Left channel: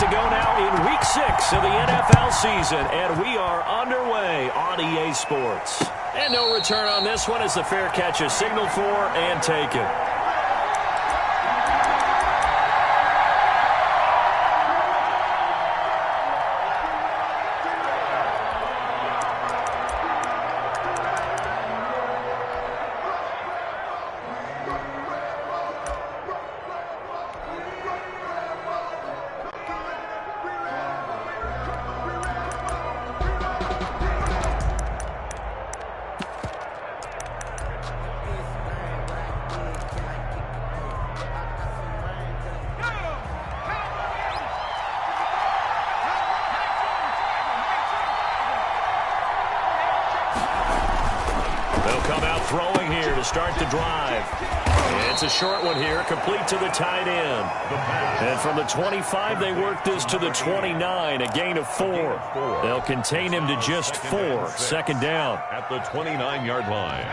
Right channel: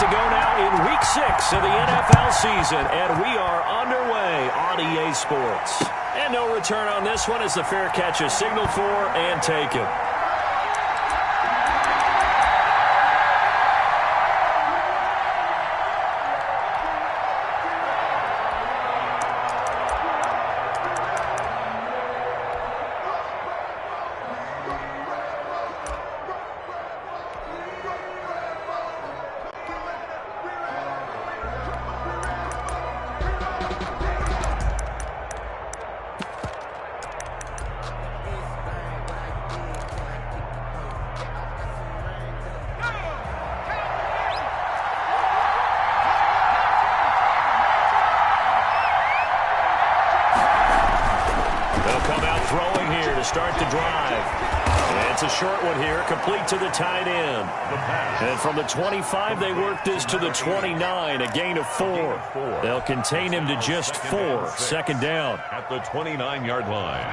to go now in Week 6 of the NFL season, and we are underway on EA Sports. And no return on this one as the fair catch is signaled for and taken. Throwing here to start the drive. It's a short one here, complete to the tight end. And from the 25, they work this to the 29, a gain of 4. They'll contain him to just 4. Second down. At the 29-yard line.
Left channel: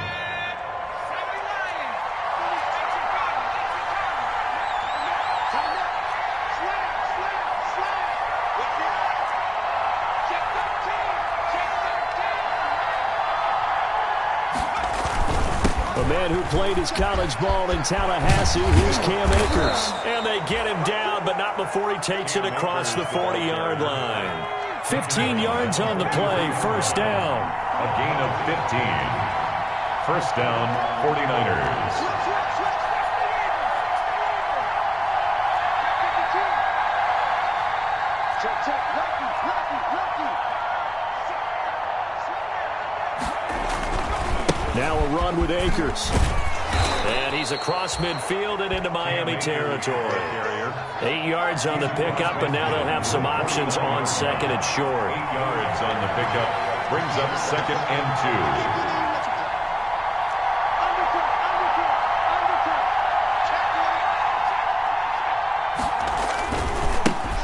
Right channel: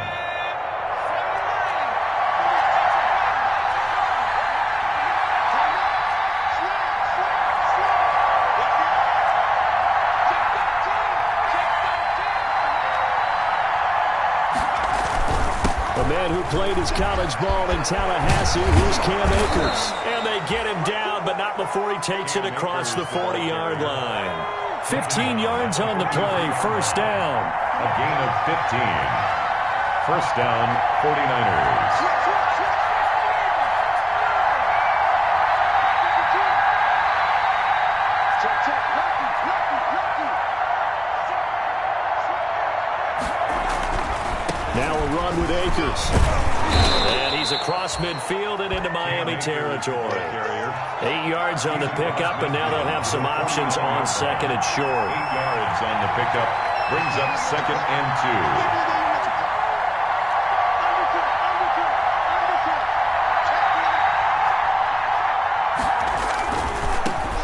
A man who played his college ball in Tallahassee, here's Cam Akers. And they get him down, but not before he takes it across the 40-yard line. 15 yards on the play, first down. A gain of 15. First down, 49ers. Now a run with Akers. And he's across midfield and into Miami territory. 8 yards on the pickup, and now they'll have some options on second and short. 8 yards on the pickup. Brings up second and 2.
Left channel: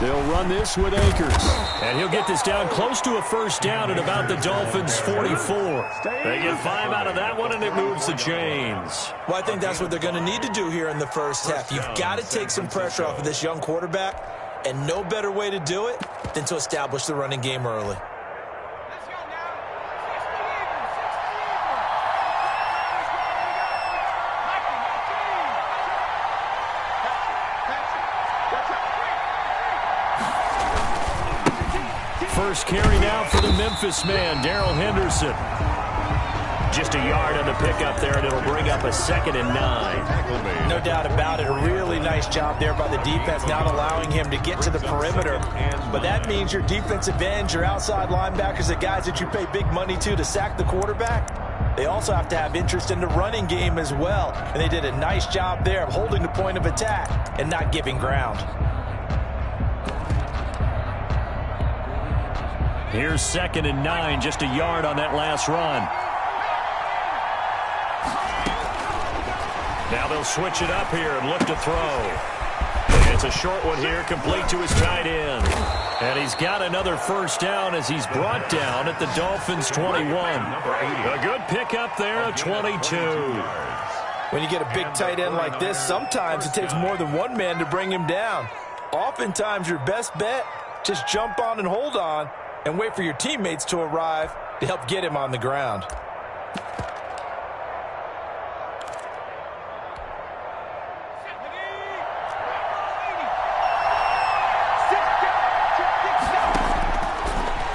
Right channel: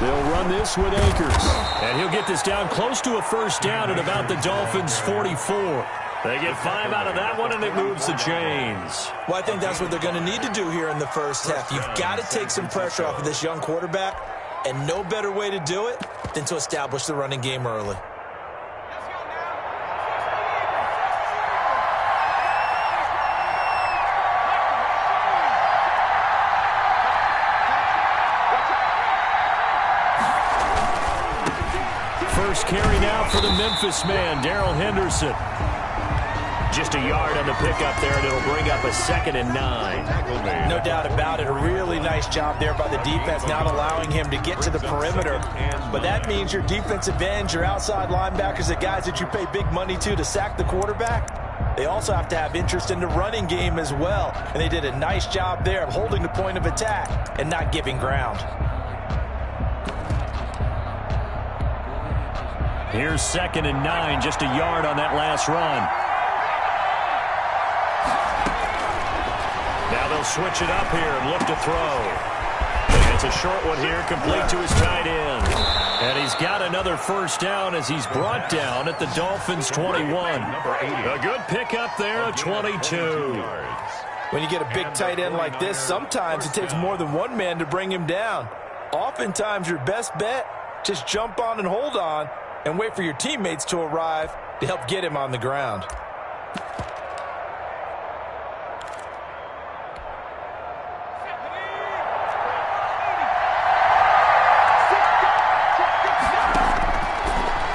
They'll run this with Akers. And he'll get this down close to a first down at about the Dolphins' 44. They get 5 out of that one, and it moves the chains. Well, I think that's what they're going to need to do here in the first half. You've got to take some pressure off of this young quarterback, and no better way to do it than to establish the running game early. First carry now for the Memphis man, Darrell Henderson. Just a yard on the pickup there, and it'll bring up a 2nd and 9. No doubt about it. A really nice job there by the defense, not allowing him to get to the perimeter. But that means your defensive ends, your outside linebackers, the guys that you pay big money to sack the quarterback, they also have to have interest in the running game as well. And they did a nice job there of holding the point of attack and not giving ground. Here's 2nd and 9, just a yard on that last run. Now they'll switch it up here and look to throw. And it's a short one here, complete to his tight end. And he's got another first down as he's brought down at the Dolphins' 21. A good pickup there, a 22. When you get a big tight end like this, sometimes it takes more than one man to bring him down. Oftentimes your best bet, just jump on and hold on and wait for your teammates to arrive to help get him on the ground.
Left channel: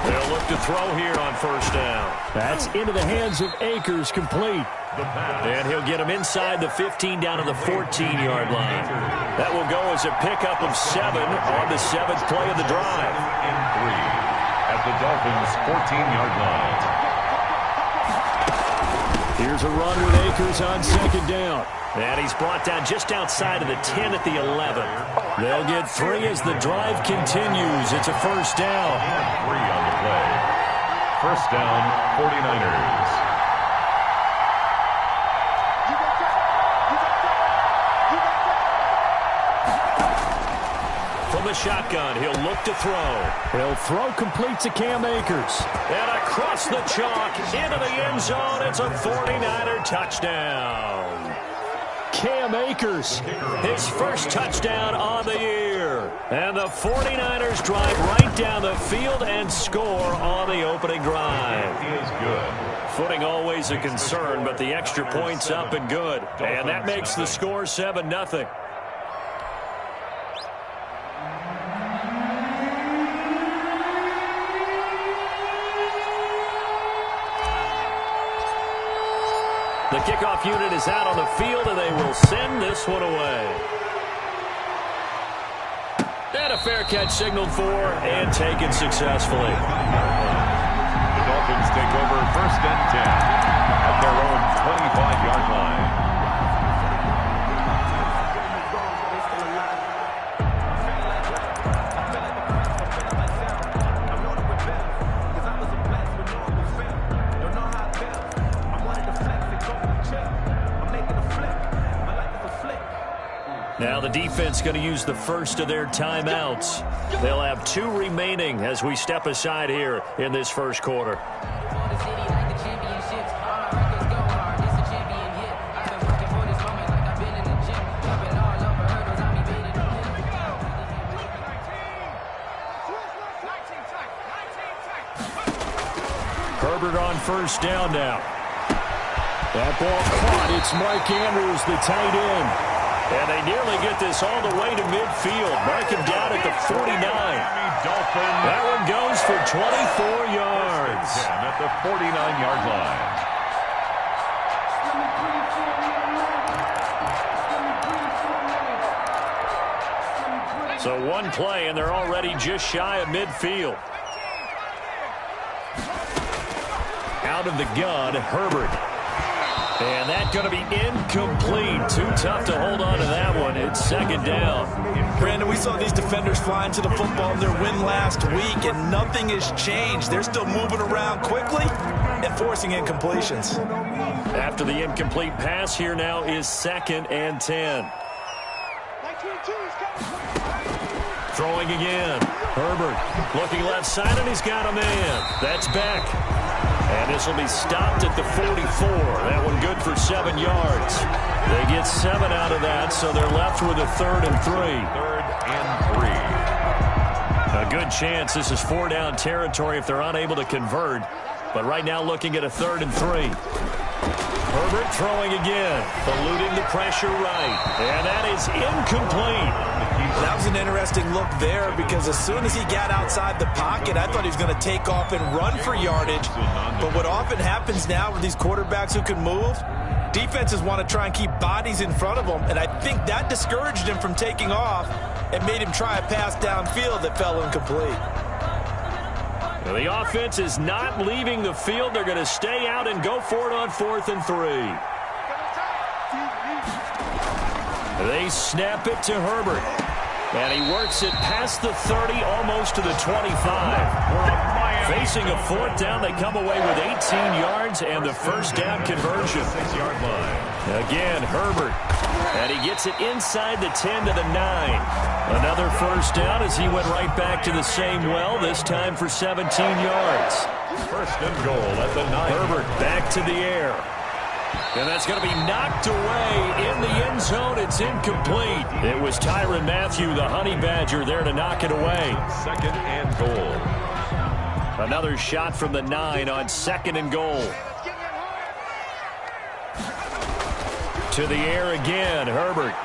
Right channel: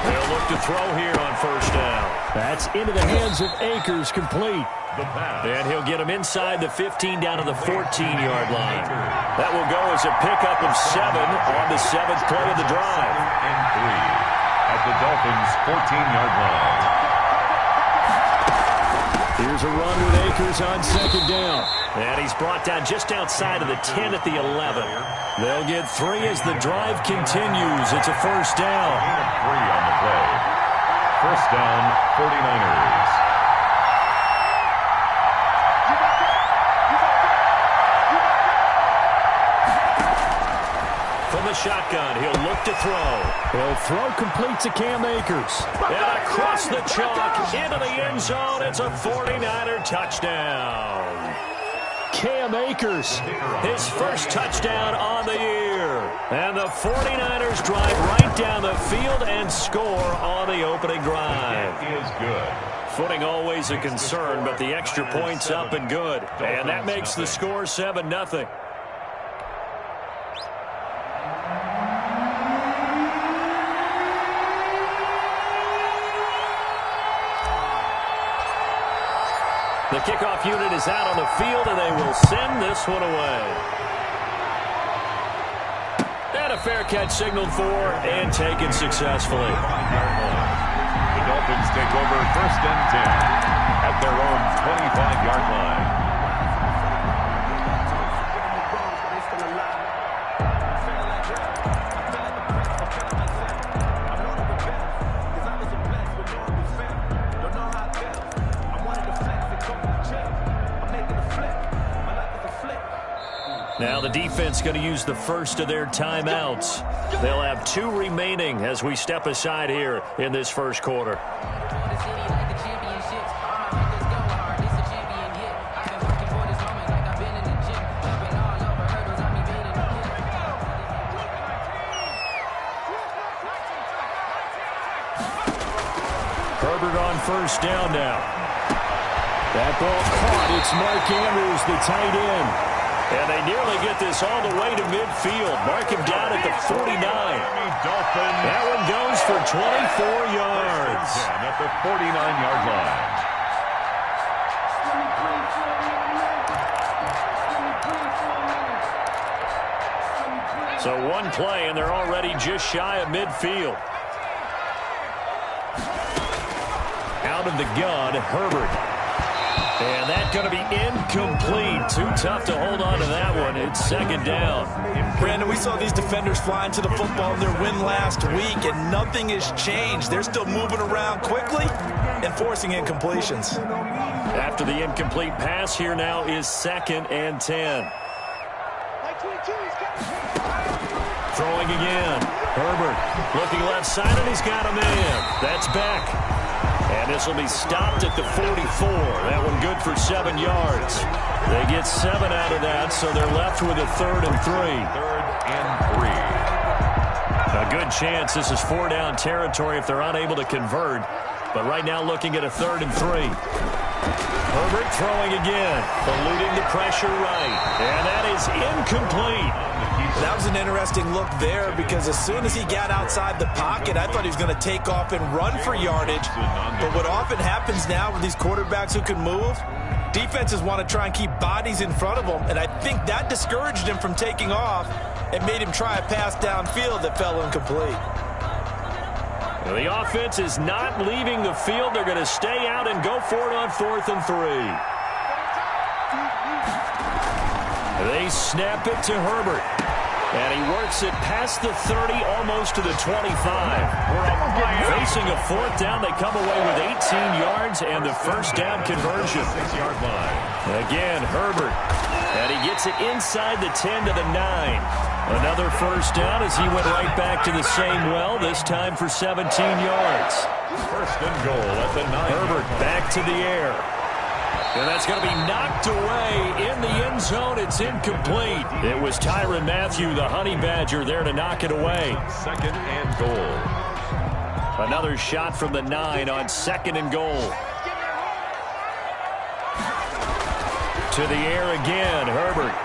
They'll look to throw here on first down. That's into the hands of Akers, complete. And he'll get him inside the 15 down to the 14-yard line. That will go as a pickup of 7 on the 7th play of the drive. And 3. At the Dolphins' 14-yard line. Here's a run with Akers on second down. And he's brought down just outside of the 10 at the 11. They'll get 3 as the drive continues. It's a first down. 3 on the play. First down, 49ers. From the shotgun, he'll look to throw. He'll throw complete to Cam Akers. And across the chalk, into the end zone, it's a 49er touchdown. Cam Akers, his first touchdown on the year. And the 49ers drive right down the field and score on the opening drive. It is good. Footing always a concern, but the extra point's up and good. And that makes the score 7-0. The kickoff unit is out on the field, and they will send this one away. And a fair catch signaled for and taken successfully. The Dolphins take over 1st and 10 at their own 25-yard line. Now the defense going to use the first of their timeouts. They'll have 2 remaining as we step aside here in this first quarter. Herbert on 1st down now. That ball caught. It's Mark Andrews, the tight end. And they nearly get this all the way to midfield. Mark him down at the 49. That one goes for 24 yards. At the 49-yard line. So one play, and they're already just shy of midfield. Out of the gun, Herbert. And that's going to be incomplete. Too tough to hold on to that one. It's 2nd down. Brandon, we saw these defenders fly into the football in their win last week, and nothing has changed. They're still moving around quickly and forcing incompletions. After the incomplete pass, here now is 2nd and 10. Throwing again. Herbert looking left side, and he's got a man. That's Beck. And this will be stopped at the 44. That one good for 7 yards. They get 7 out of that, so they're left with a 3rd and 3. 3rd and 3. A good chance this is 4-down territory if they're unable to convert. But right now looking at a 3rd and 3. Herbert throwing again, eluding the pressure right. And that is incomplete. That was an interesting look there because as soon as he got outside the pocket, I thought he was going to take off and run for yardage. But what often happens now with these quarterbacks who can move, defenses want to try and keep bodies in front of them, and I think that discouraged him from taking off and made him try a pass downfield that fell incomplete. Well, the offense is not leaving the field. They're going to stay out and go for it on 4th and 3. They snap it to Herbert. And he works it past the 30, almost to the 25. Facing a 4th down, they come away with 18 yards and the 1st down conversion. 6-yard line. Again, Herbert. And he gets it inside the 10 to the 9. Another 1st down as he went right back to the same well, this time for 17 yards. 1st and goal at the 9. Herbert back to the air. And that's going to be knocked away in the end zone. It's incomplete. It was Tyrann Mathieu, the Honey Badger, there to knock it away. 2nd and goal. Another shot from the 9 on 2nd and goal. To the air again, Herbert.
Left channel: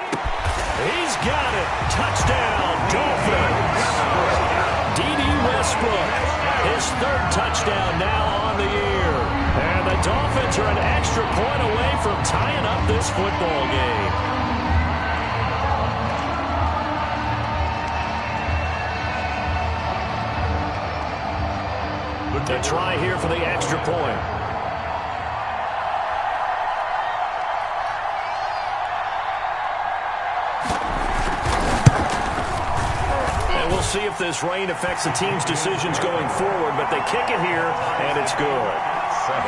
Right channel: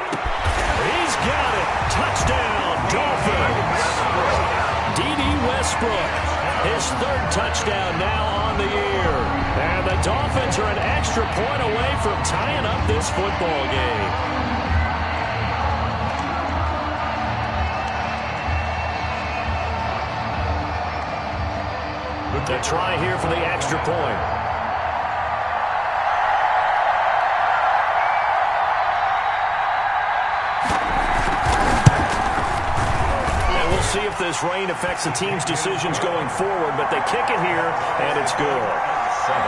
He's got it. Touchdown, Dolphins. D.D. Westbrook, his 3rd touchdown now on the year. And the Dolphins are an extra point away from tying up this football game. The try here for the extra point. And we'll see if this rain affects the team's decisions going forward, but they kick it here, and it's good. 7.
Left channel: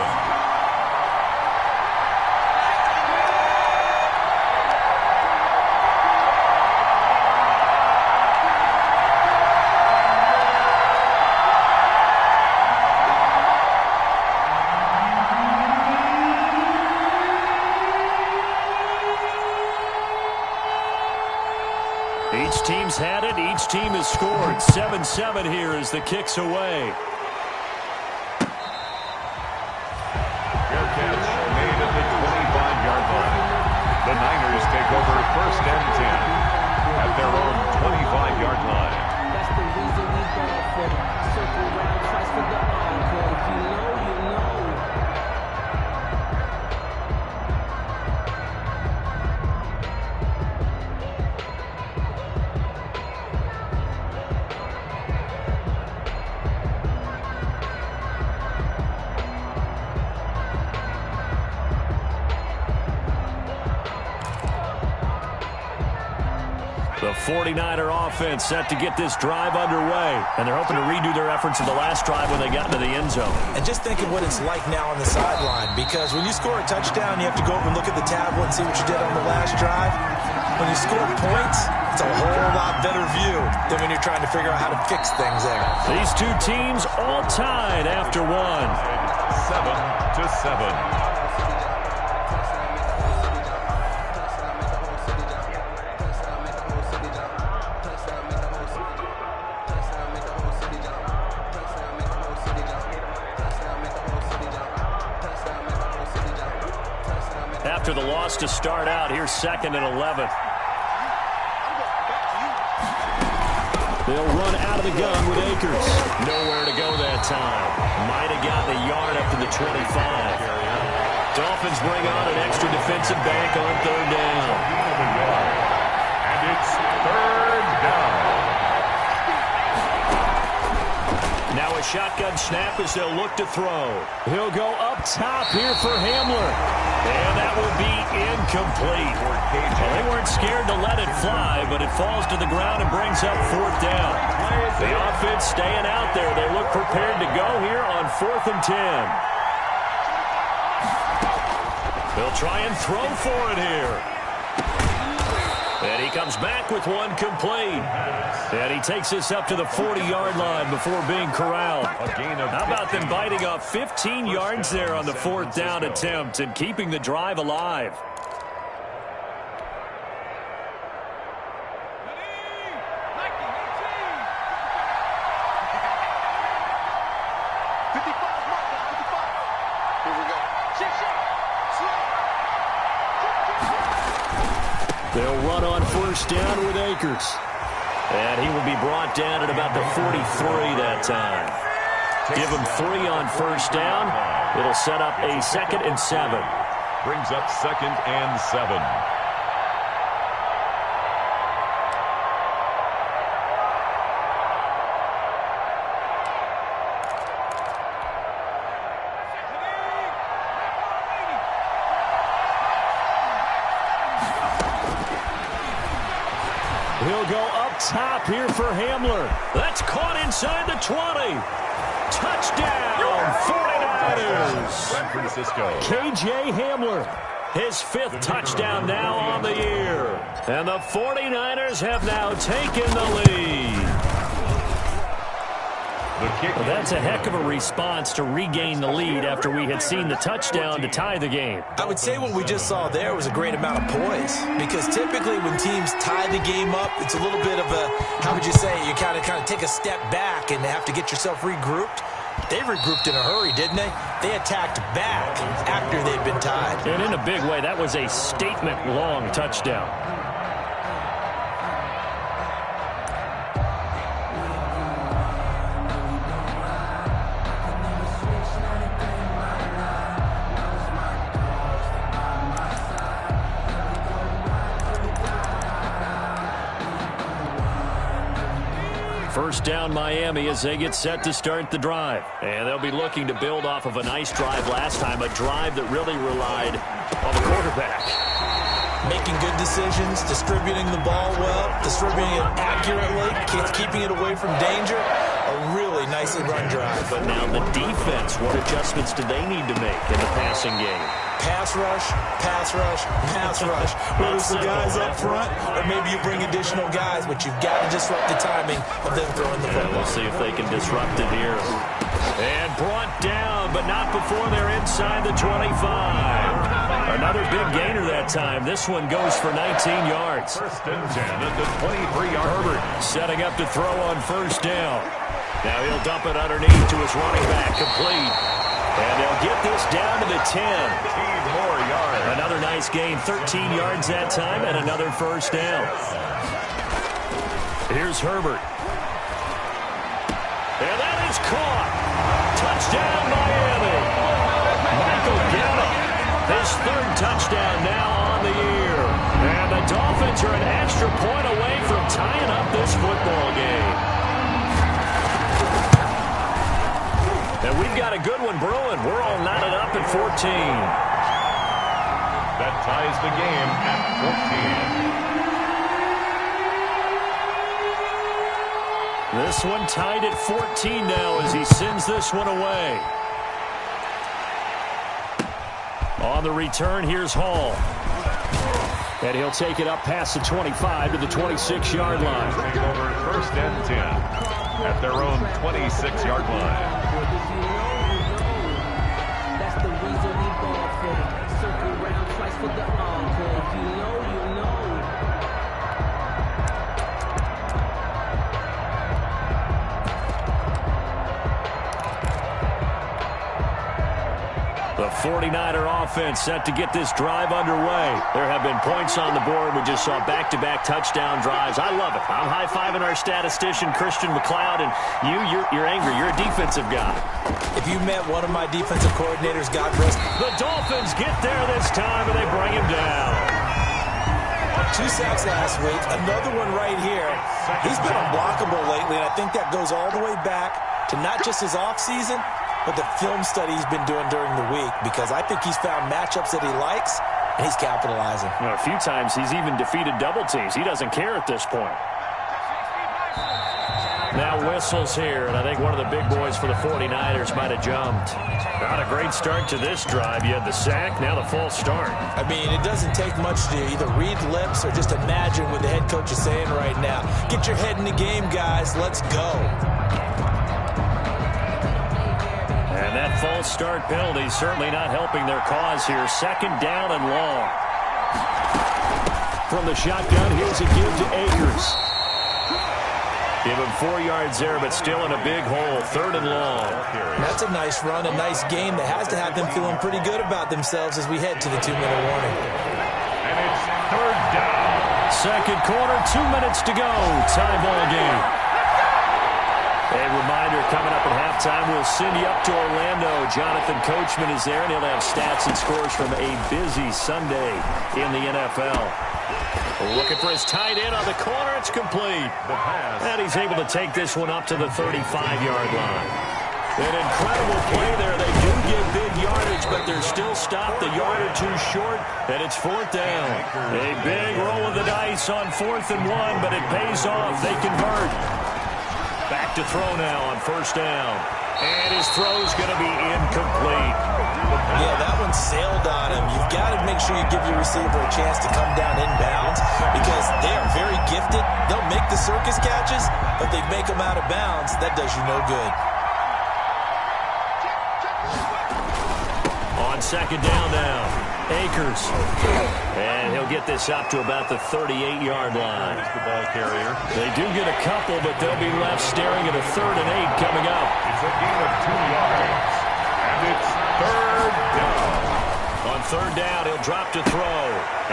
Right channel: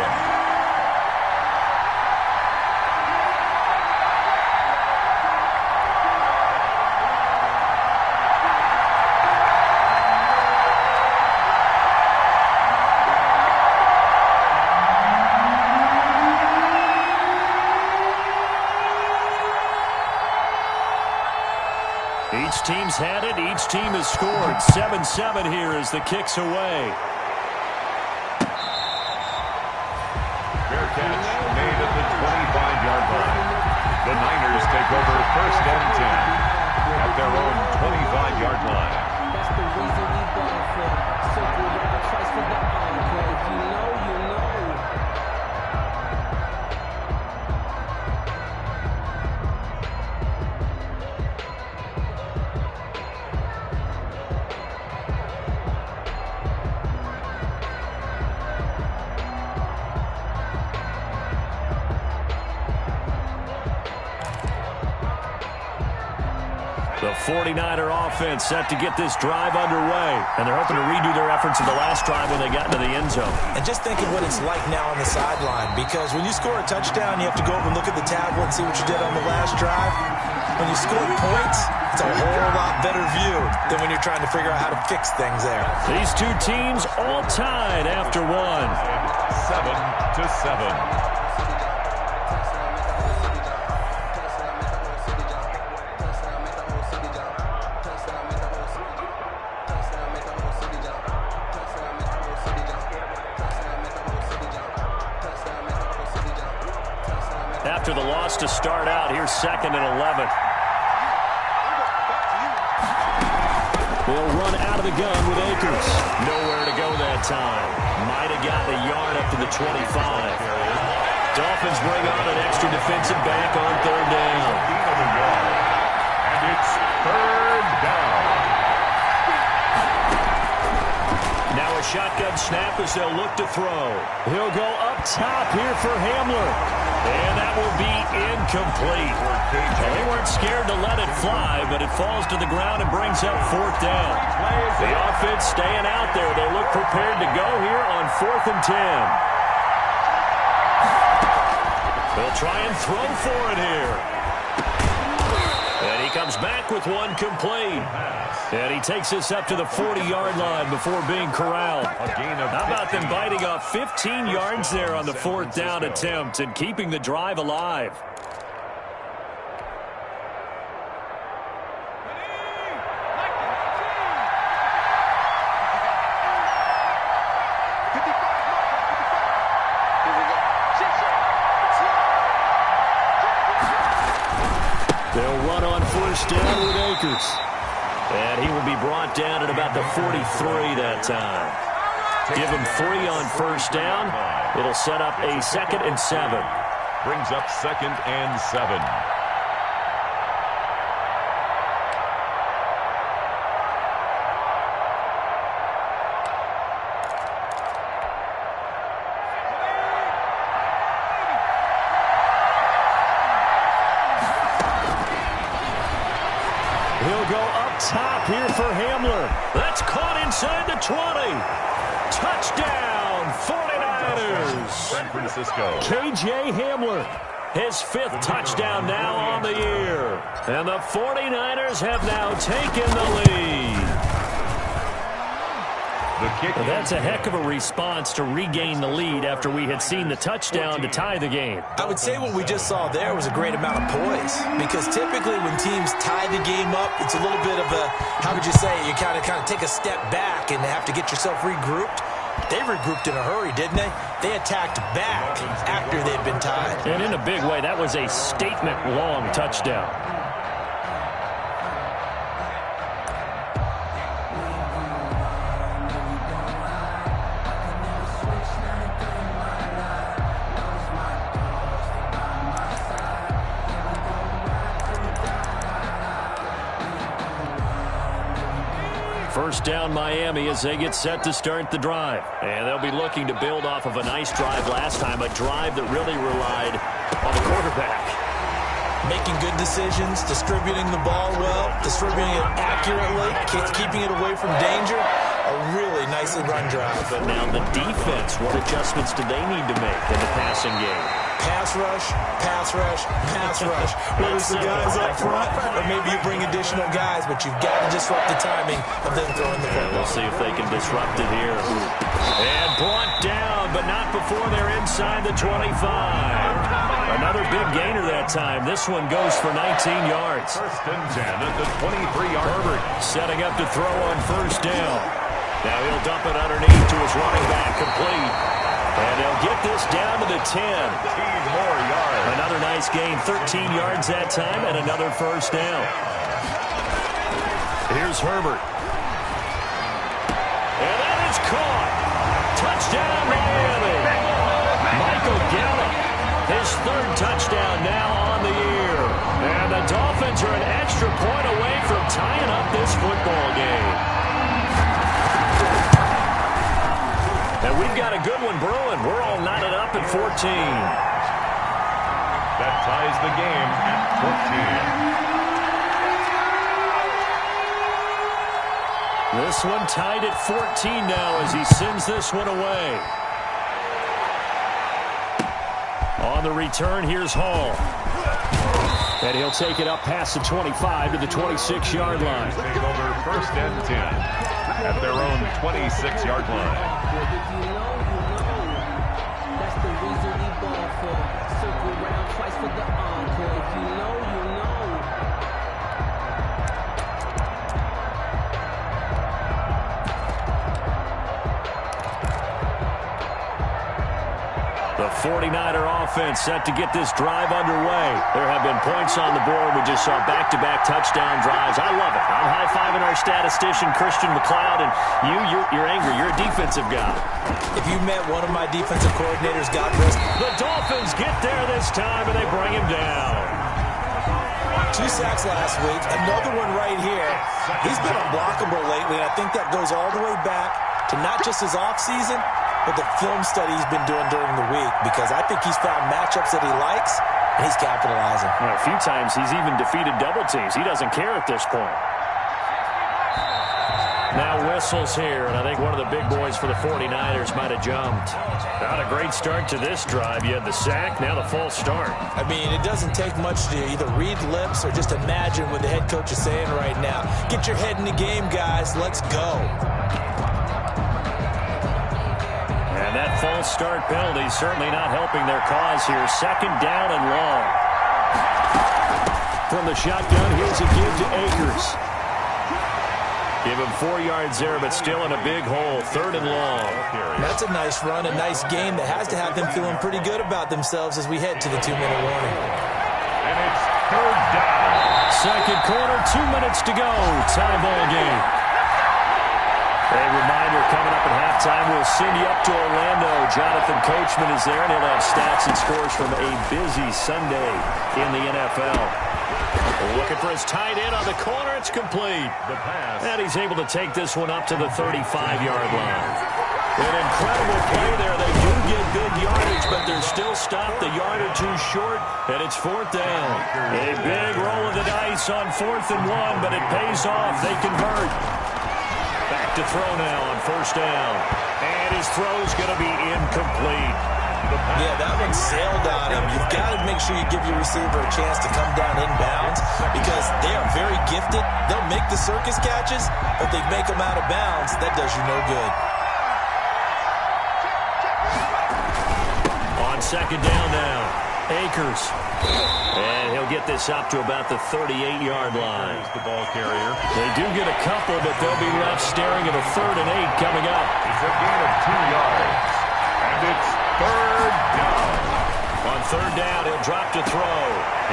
Each teams had it. Each team has scored. 7-7 here as the kick's away. Fair catch made at the 25-yard line. The Niners take over 1st and 10 at their own 25-yard line. That's the reason we ball for. Circle round twice for the encore. If you know, you know. The 49er offense set to get this drive underway. And they're hoping to redo their efforts of the last drive when they got into the end zone. And just think of what it's like now on the sideline, because when you score a touchdown, you have to go over and look at the tablet and see what you did on the last drive. When you score points, it's a whole lot better view than when you're trying to figure out how to fix things there. These two teams all tied after one. 7-7. After the loss to start out, here's 2nd and 11. They'll run out of the gun with Akers. Nowhere to go that time. Might have gotten a yard up to the 25. Dolphins bring on an extra defensive back on 3rd down. And it's 3rd down. Now a shotgun snap as they'll look to throw. He'll go up top here for Hamler. And that will be incomplete. Well, they weren't scared to let it fly, but it falls to the ground and brings up 4th down. The offense staying out there. They look prepared to go here on 4th and 10. They'll try and throw for it here. And he comes back with one complete. And he takes this up to the 40-yard line before being corralled. How about them biting off 15 yards there on the 4th down attempt and keeping the drive alive? They'll run on 1st down with Akers. And he will be brought down at about the 43 that time. Give him 3 on 1st down. It'll set up a 2nd and 7. Brings up 2nd and 7. He'll go up top here for Hamler. That's caught inside the 20. Touchdown, 49ers. San Francisco. KJ Hamler, his 5th touchdown now on the year. And the 49ers have now taken the lead. That's a heck of a response to regain the lead after we had seen the touchdown to tie the game. I would say what we just saw there was a great amount of poise, because typically when teams tie the game up, it's a little bit of a, how would you say, you kind of take a step back and have to get yourself regrouped. They regrouped in a hurry, didn't they? They attacked back after they'd been tied. And in a big way, that was a statement-long touchdown. First down Miami as they get set to start the drive. And they'll be looking to build off of a nice drive last time, a drive that really relied on the quarterback. Making good decisions, distributing the ball well, distributing it accurately, keeping it away from danger. A really nicely run drive. But now the defense, what adjustments do they need to make in the passing game? Pass rush, pass rush, pass rush. Whether it's the guys up front or maybe you bring additional guys, but you've got to disrupt the timing of them throwing the football. We'll see if they can disrupt it here. And brought down, but not before they're inside the 25. Another big gainer that time. This one goes for 19 yards. First and 10 at the 23-yard. Herbert setting up to throw on first down. Now he'll dump it underneath to his running back, complete. And they'll get this down to the 10. 15 more yards. Another nice gain, 13 yards that time, and another first down. Here's Herbert. And that is caught. Touchdown, Miami. Michael Gallup, his third touchdown now on the year. And the Dolphins are an extra point away from tying up this football game. And we've got a good one brewing. We're all knotted up at 14. That ties the game at 14. This one tied at 14 now as he sends this one away. On the return, here's Hall. And he'll take it up past the 25 to the 26-yard line. Take over first and 10 at their own 26-yard line. If you know, you know. That's the reason we ball for. Circle round twice for the encore. If you know, you know. The 49er offense set to get this drive underway. There have been points on the board. We just saw back-to-back touchdown drives. I love it. I'm high-fiving our statistician, Christian McLeod, and you're angry. You're a defensive guy. If you met one of my defensive coordinators, God rest. The Dolphins get there this time, and they bring him down. 2 sacks last week, another one right here. He's been unblockable lately, and I think that goes all the way back to not just his offseason, but the film study he's been doing during the week, because I think he's found matchups that he likes, and he's capitalizing. You know, a few times he's even defeated double teams. He doesn't care at this point. Now whistles here, and I think one of the big boys for the 49ers might have jumped. Not a great start to this drive. You had the sack, now the false start. I mean, it doesn't take much to either read lips or just imagine what the head coach is saying right now. Get your head in the game, guys. Let's go. And that false start penalty certainly not helping their cause here. Second down and long. From the shotgun, here's a give to Akers. Give him 4 yards there, but still in a big hole. Third and long. That's a nice run, a nice game that has to have them feeling pretty good about themselves as we head to the 2-minute warning. And it's third down. Second quarter, 2 minutes to go. Tie ball game. A reminder, coming up at halftime, we'll send you up to Orlando. Jonathan Coachman is there, and he'll have stats and scores from a busy Sunday in the NFL. Looking for his tight end on the corner. It's complete. The pass. And he's able to take this one up to the 35-yard line. An incredible play there. They do get big yardage, but they're still stopped a yard or two short, and it's fourth down. A big roll of the dice on 4th and 1, but it pays off. They convert. Back to throw now on first down. And his throw's going to be incomplete. Yeah, that one sailed on him. You've got to make sure you give your receiver a chance to come down inbounds because they are very gifted. They'll make the circus catches, but if they make them out of bounds, that does you no good. On second down now, Akers. And he'll get this up to about the 38-yard line. There's the ball carrier. They do get a couple, but they'll be left staring at a 3rd and 8 coming up. It's a gain of 2 yards. And it's third down. On third down, he'll drop to throw.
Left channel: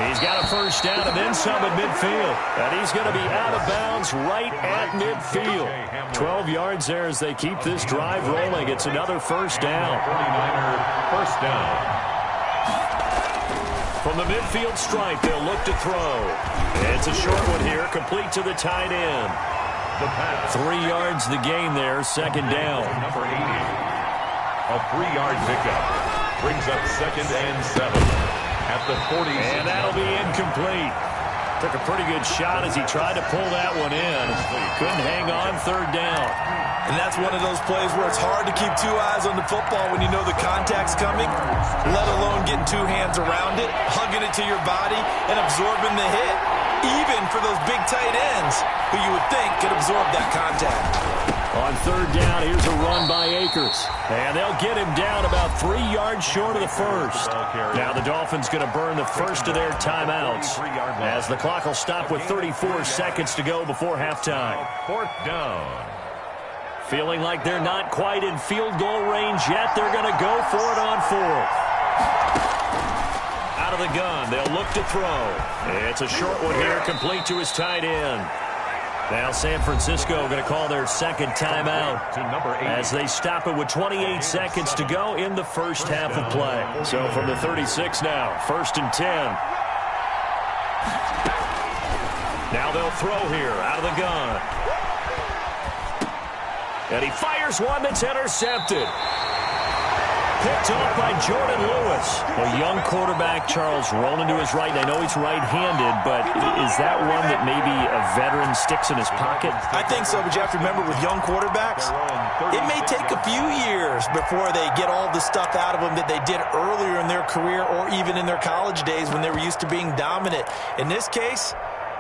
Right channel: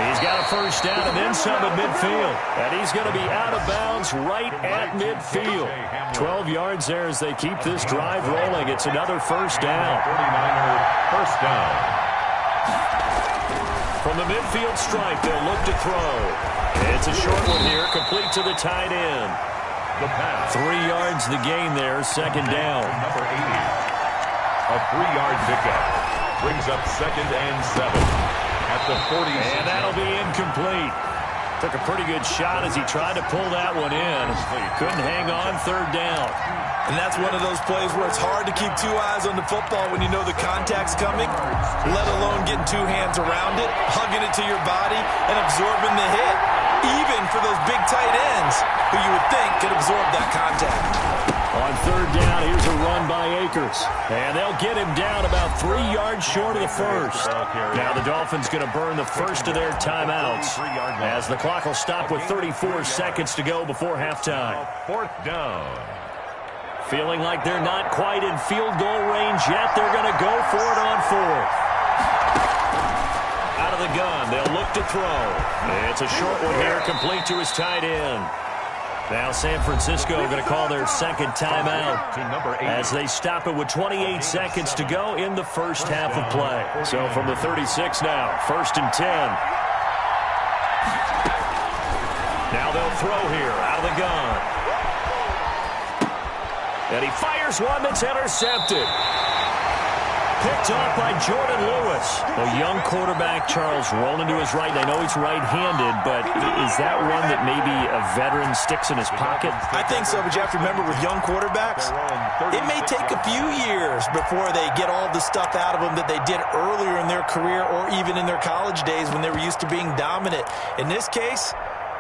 He's got a first down and then some at midfield. And he's going to be out of bounds right at midfield. 12 yards there as they keep this drive rolling. It's another first down. 49er first down. From the midfield stripe, they'll look to throw. It's a short one here, complete to the tight end. The pass. 3 yards the gain there, second down. Number 80. A 3-yard pickup. Brings up 2nd and 7 at the 40. And that'll be incomplete. Took a pretty good shot as he tried to pull that one in. Couldn't hang on, third down. And that's one of those plays where it's hard to keep 2 eyes on the football when you know the contact's coming, let alone getting 2 hands around it, hugging it to your body, and absorbing the hit, even for those big tight ends who you would think could absorb that contact. On third down, here's a run by Akers. And they'll get him down about 3 yards short of the first. Now the Dolphins going to burn the first of their timeouts as the clock will stop with 34 seconds to go before halftime. Fourth down. Feeling like they're not quite in field goal range yet. They're going to go for it on fourth. Out of the gun, they'll look to throw. It's a short one here, complete to his tight end. Now San Francisco going to call their second timeout as they stop it with 28 seconds to go in the first half of play. So from the 36 now, 1st and 10. Now they'll throw here out of the gun. And he fires one that's intercepted. Picked off by Jordan Lewis. A young quarterback, Charles, rolling to his right. I know he's right-handed, but is that one that maybe a veteran sticks in his pocket? I think so, but you have to remember with young quarterbacks, it may take a few years before they get all the stuff out of them that they did earlier in their career or even in their college days when they were used to being dominant. In this case,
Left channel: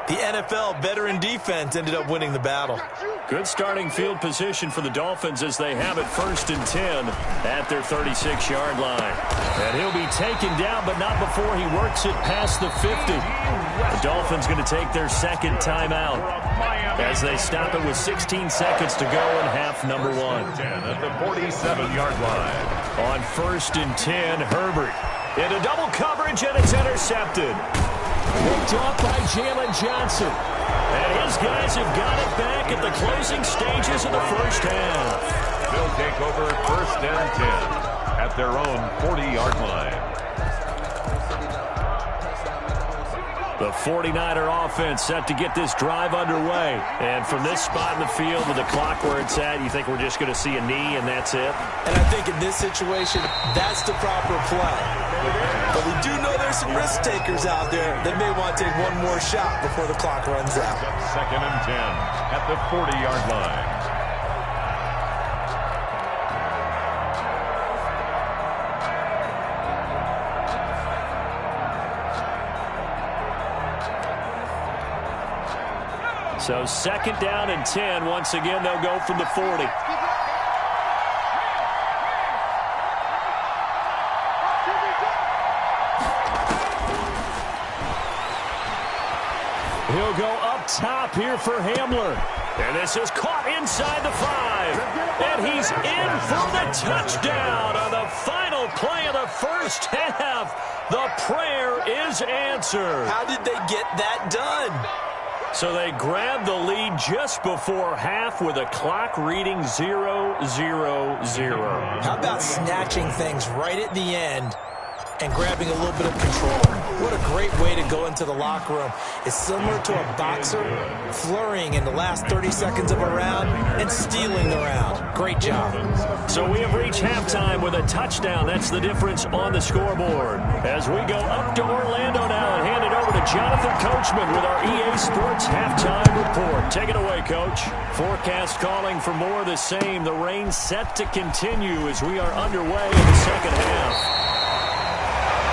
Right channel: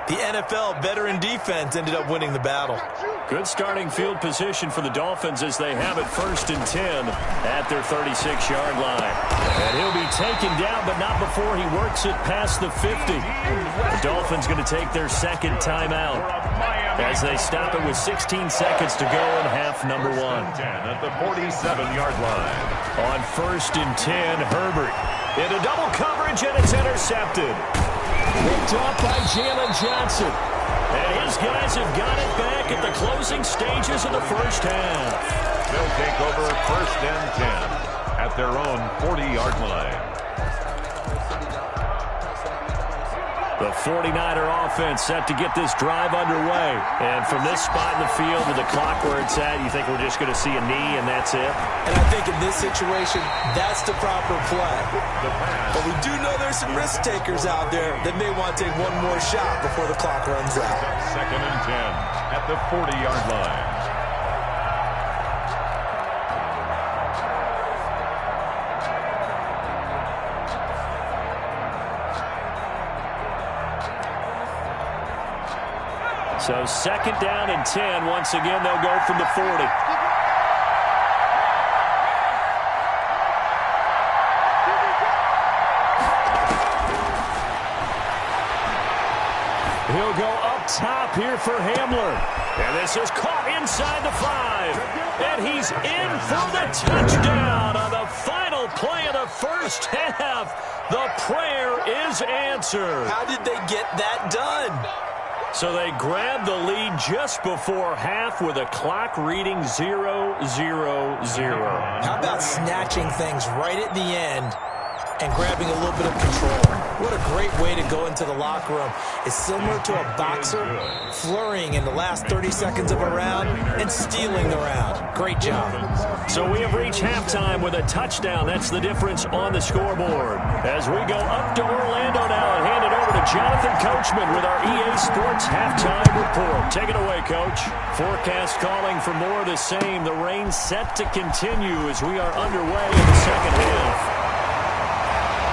the NFL veteran defense ended up winning the battle. Good starting field position for the Dolphins as they have it 1st and 10 at their 36-yard line. And he'll be taken down, but not before he works it past the 50. The Dolphins going to take their second timeout as they stop it with 16 seconds to go in half number 1. At the 47-yard line. On 1st and 10, Herbert into double coverage, and it's intercepted. Picked off by Jalen Johnson. And his guys have got it back at the closing stages of the first half. They'll take over 1st and 10 at their own 40-yard line. The 49er offense set to get this drive underway. And from this spot in the field with the clock where it's at, you think we're just going to see a knee and that's it? And I think in this situation, that's the proper play. But we do know there's some risk takers out there that may want to take one more shot before the clock runs out. 2nd and 10 at the 40-yard line. So 2nd down and 10. Once again, they'll go from the 40. He'll go up top here for Hamler. And this is caught inside the 5. And he's in for the touchdown on the final play of the first half. The prayer is answered. How did they get that done? So they grabbed the lead just before half with a clock reading 0-0-0. How about snatching things right at the end and grabbing a little bit of control? What a great way to go into the locker room. It's similar to a boxer flurrying in the last 30 seconds of a round and stealing the round. Great job. So we have reached halftime with a touchdown. That's the difference on the scoreboard. As we go up to Orlando now and hand it over to Jonathan Coachman with our EA Sports halftime report. Take it away, Coach. Forecast calling for more of the same. The rain set to continue as we are underway in the second half.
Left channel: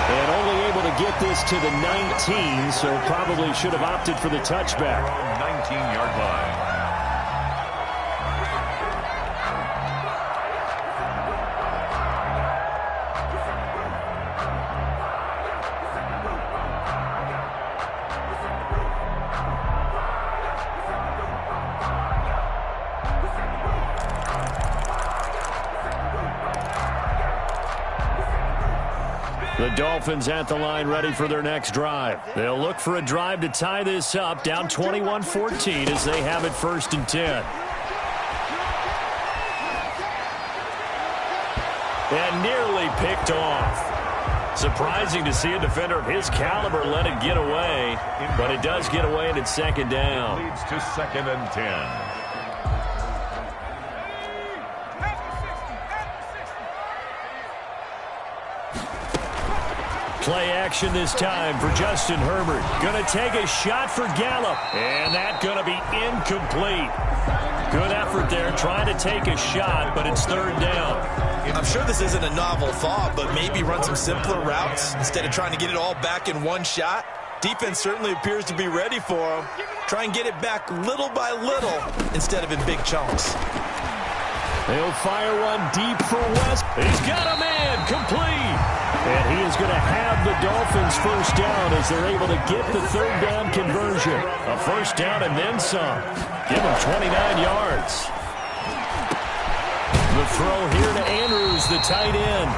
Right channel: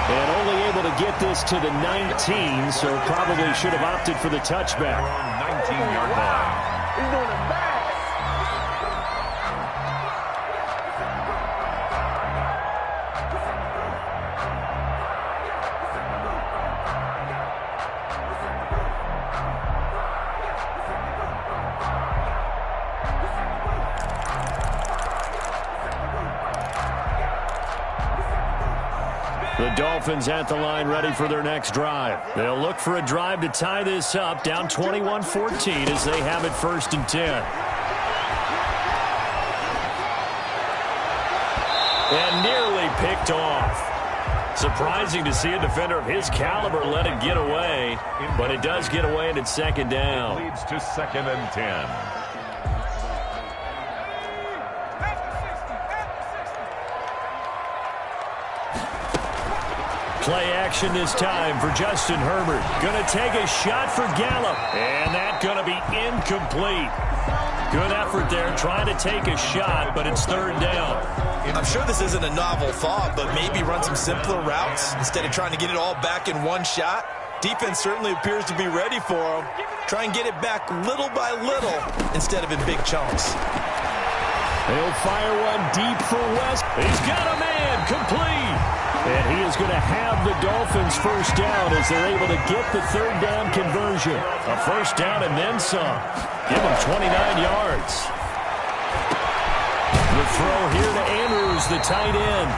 And only able to get this to the 19, so probably should have opted for the touchback. 19-yard line. The Dolphins at the line ready for their next drive. They'll look for a drive to tie this up, down 21-14 as they have it 1st and 10. And nearly picked off. Surprising to see a defender of his caliber let it get away, but it does get away and it's 2nd down. It leads to 2nd and 10. Play action this time for Justin Herbert. Going to take a shot for Gallup. And that going to be incomplete. Good effort there trying to take a shot, but it's 3rd down. I'm sure this isn't a novel thought, but maybe run some simpler routes instead of trying to get it all back in one shot. Defense certainly appears to be ready for him. Try and get it back little by little instead of in big chunks. He'll fire one deep for West. He's got a man, complete. And he is going to have the Dolphins first down as they're able to get the third down conversion. A first down and then some. Give him 29 yards. The throw here to Andrews, the tight end.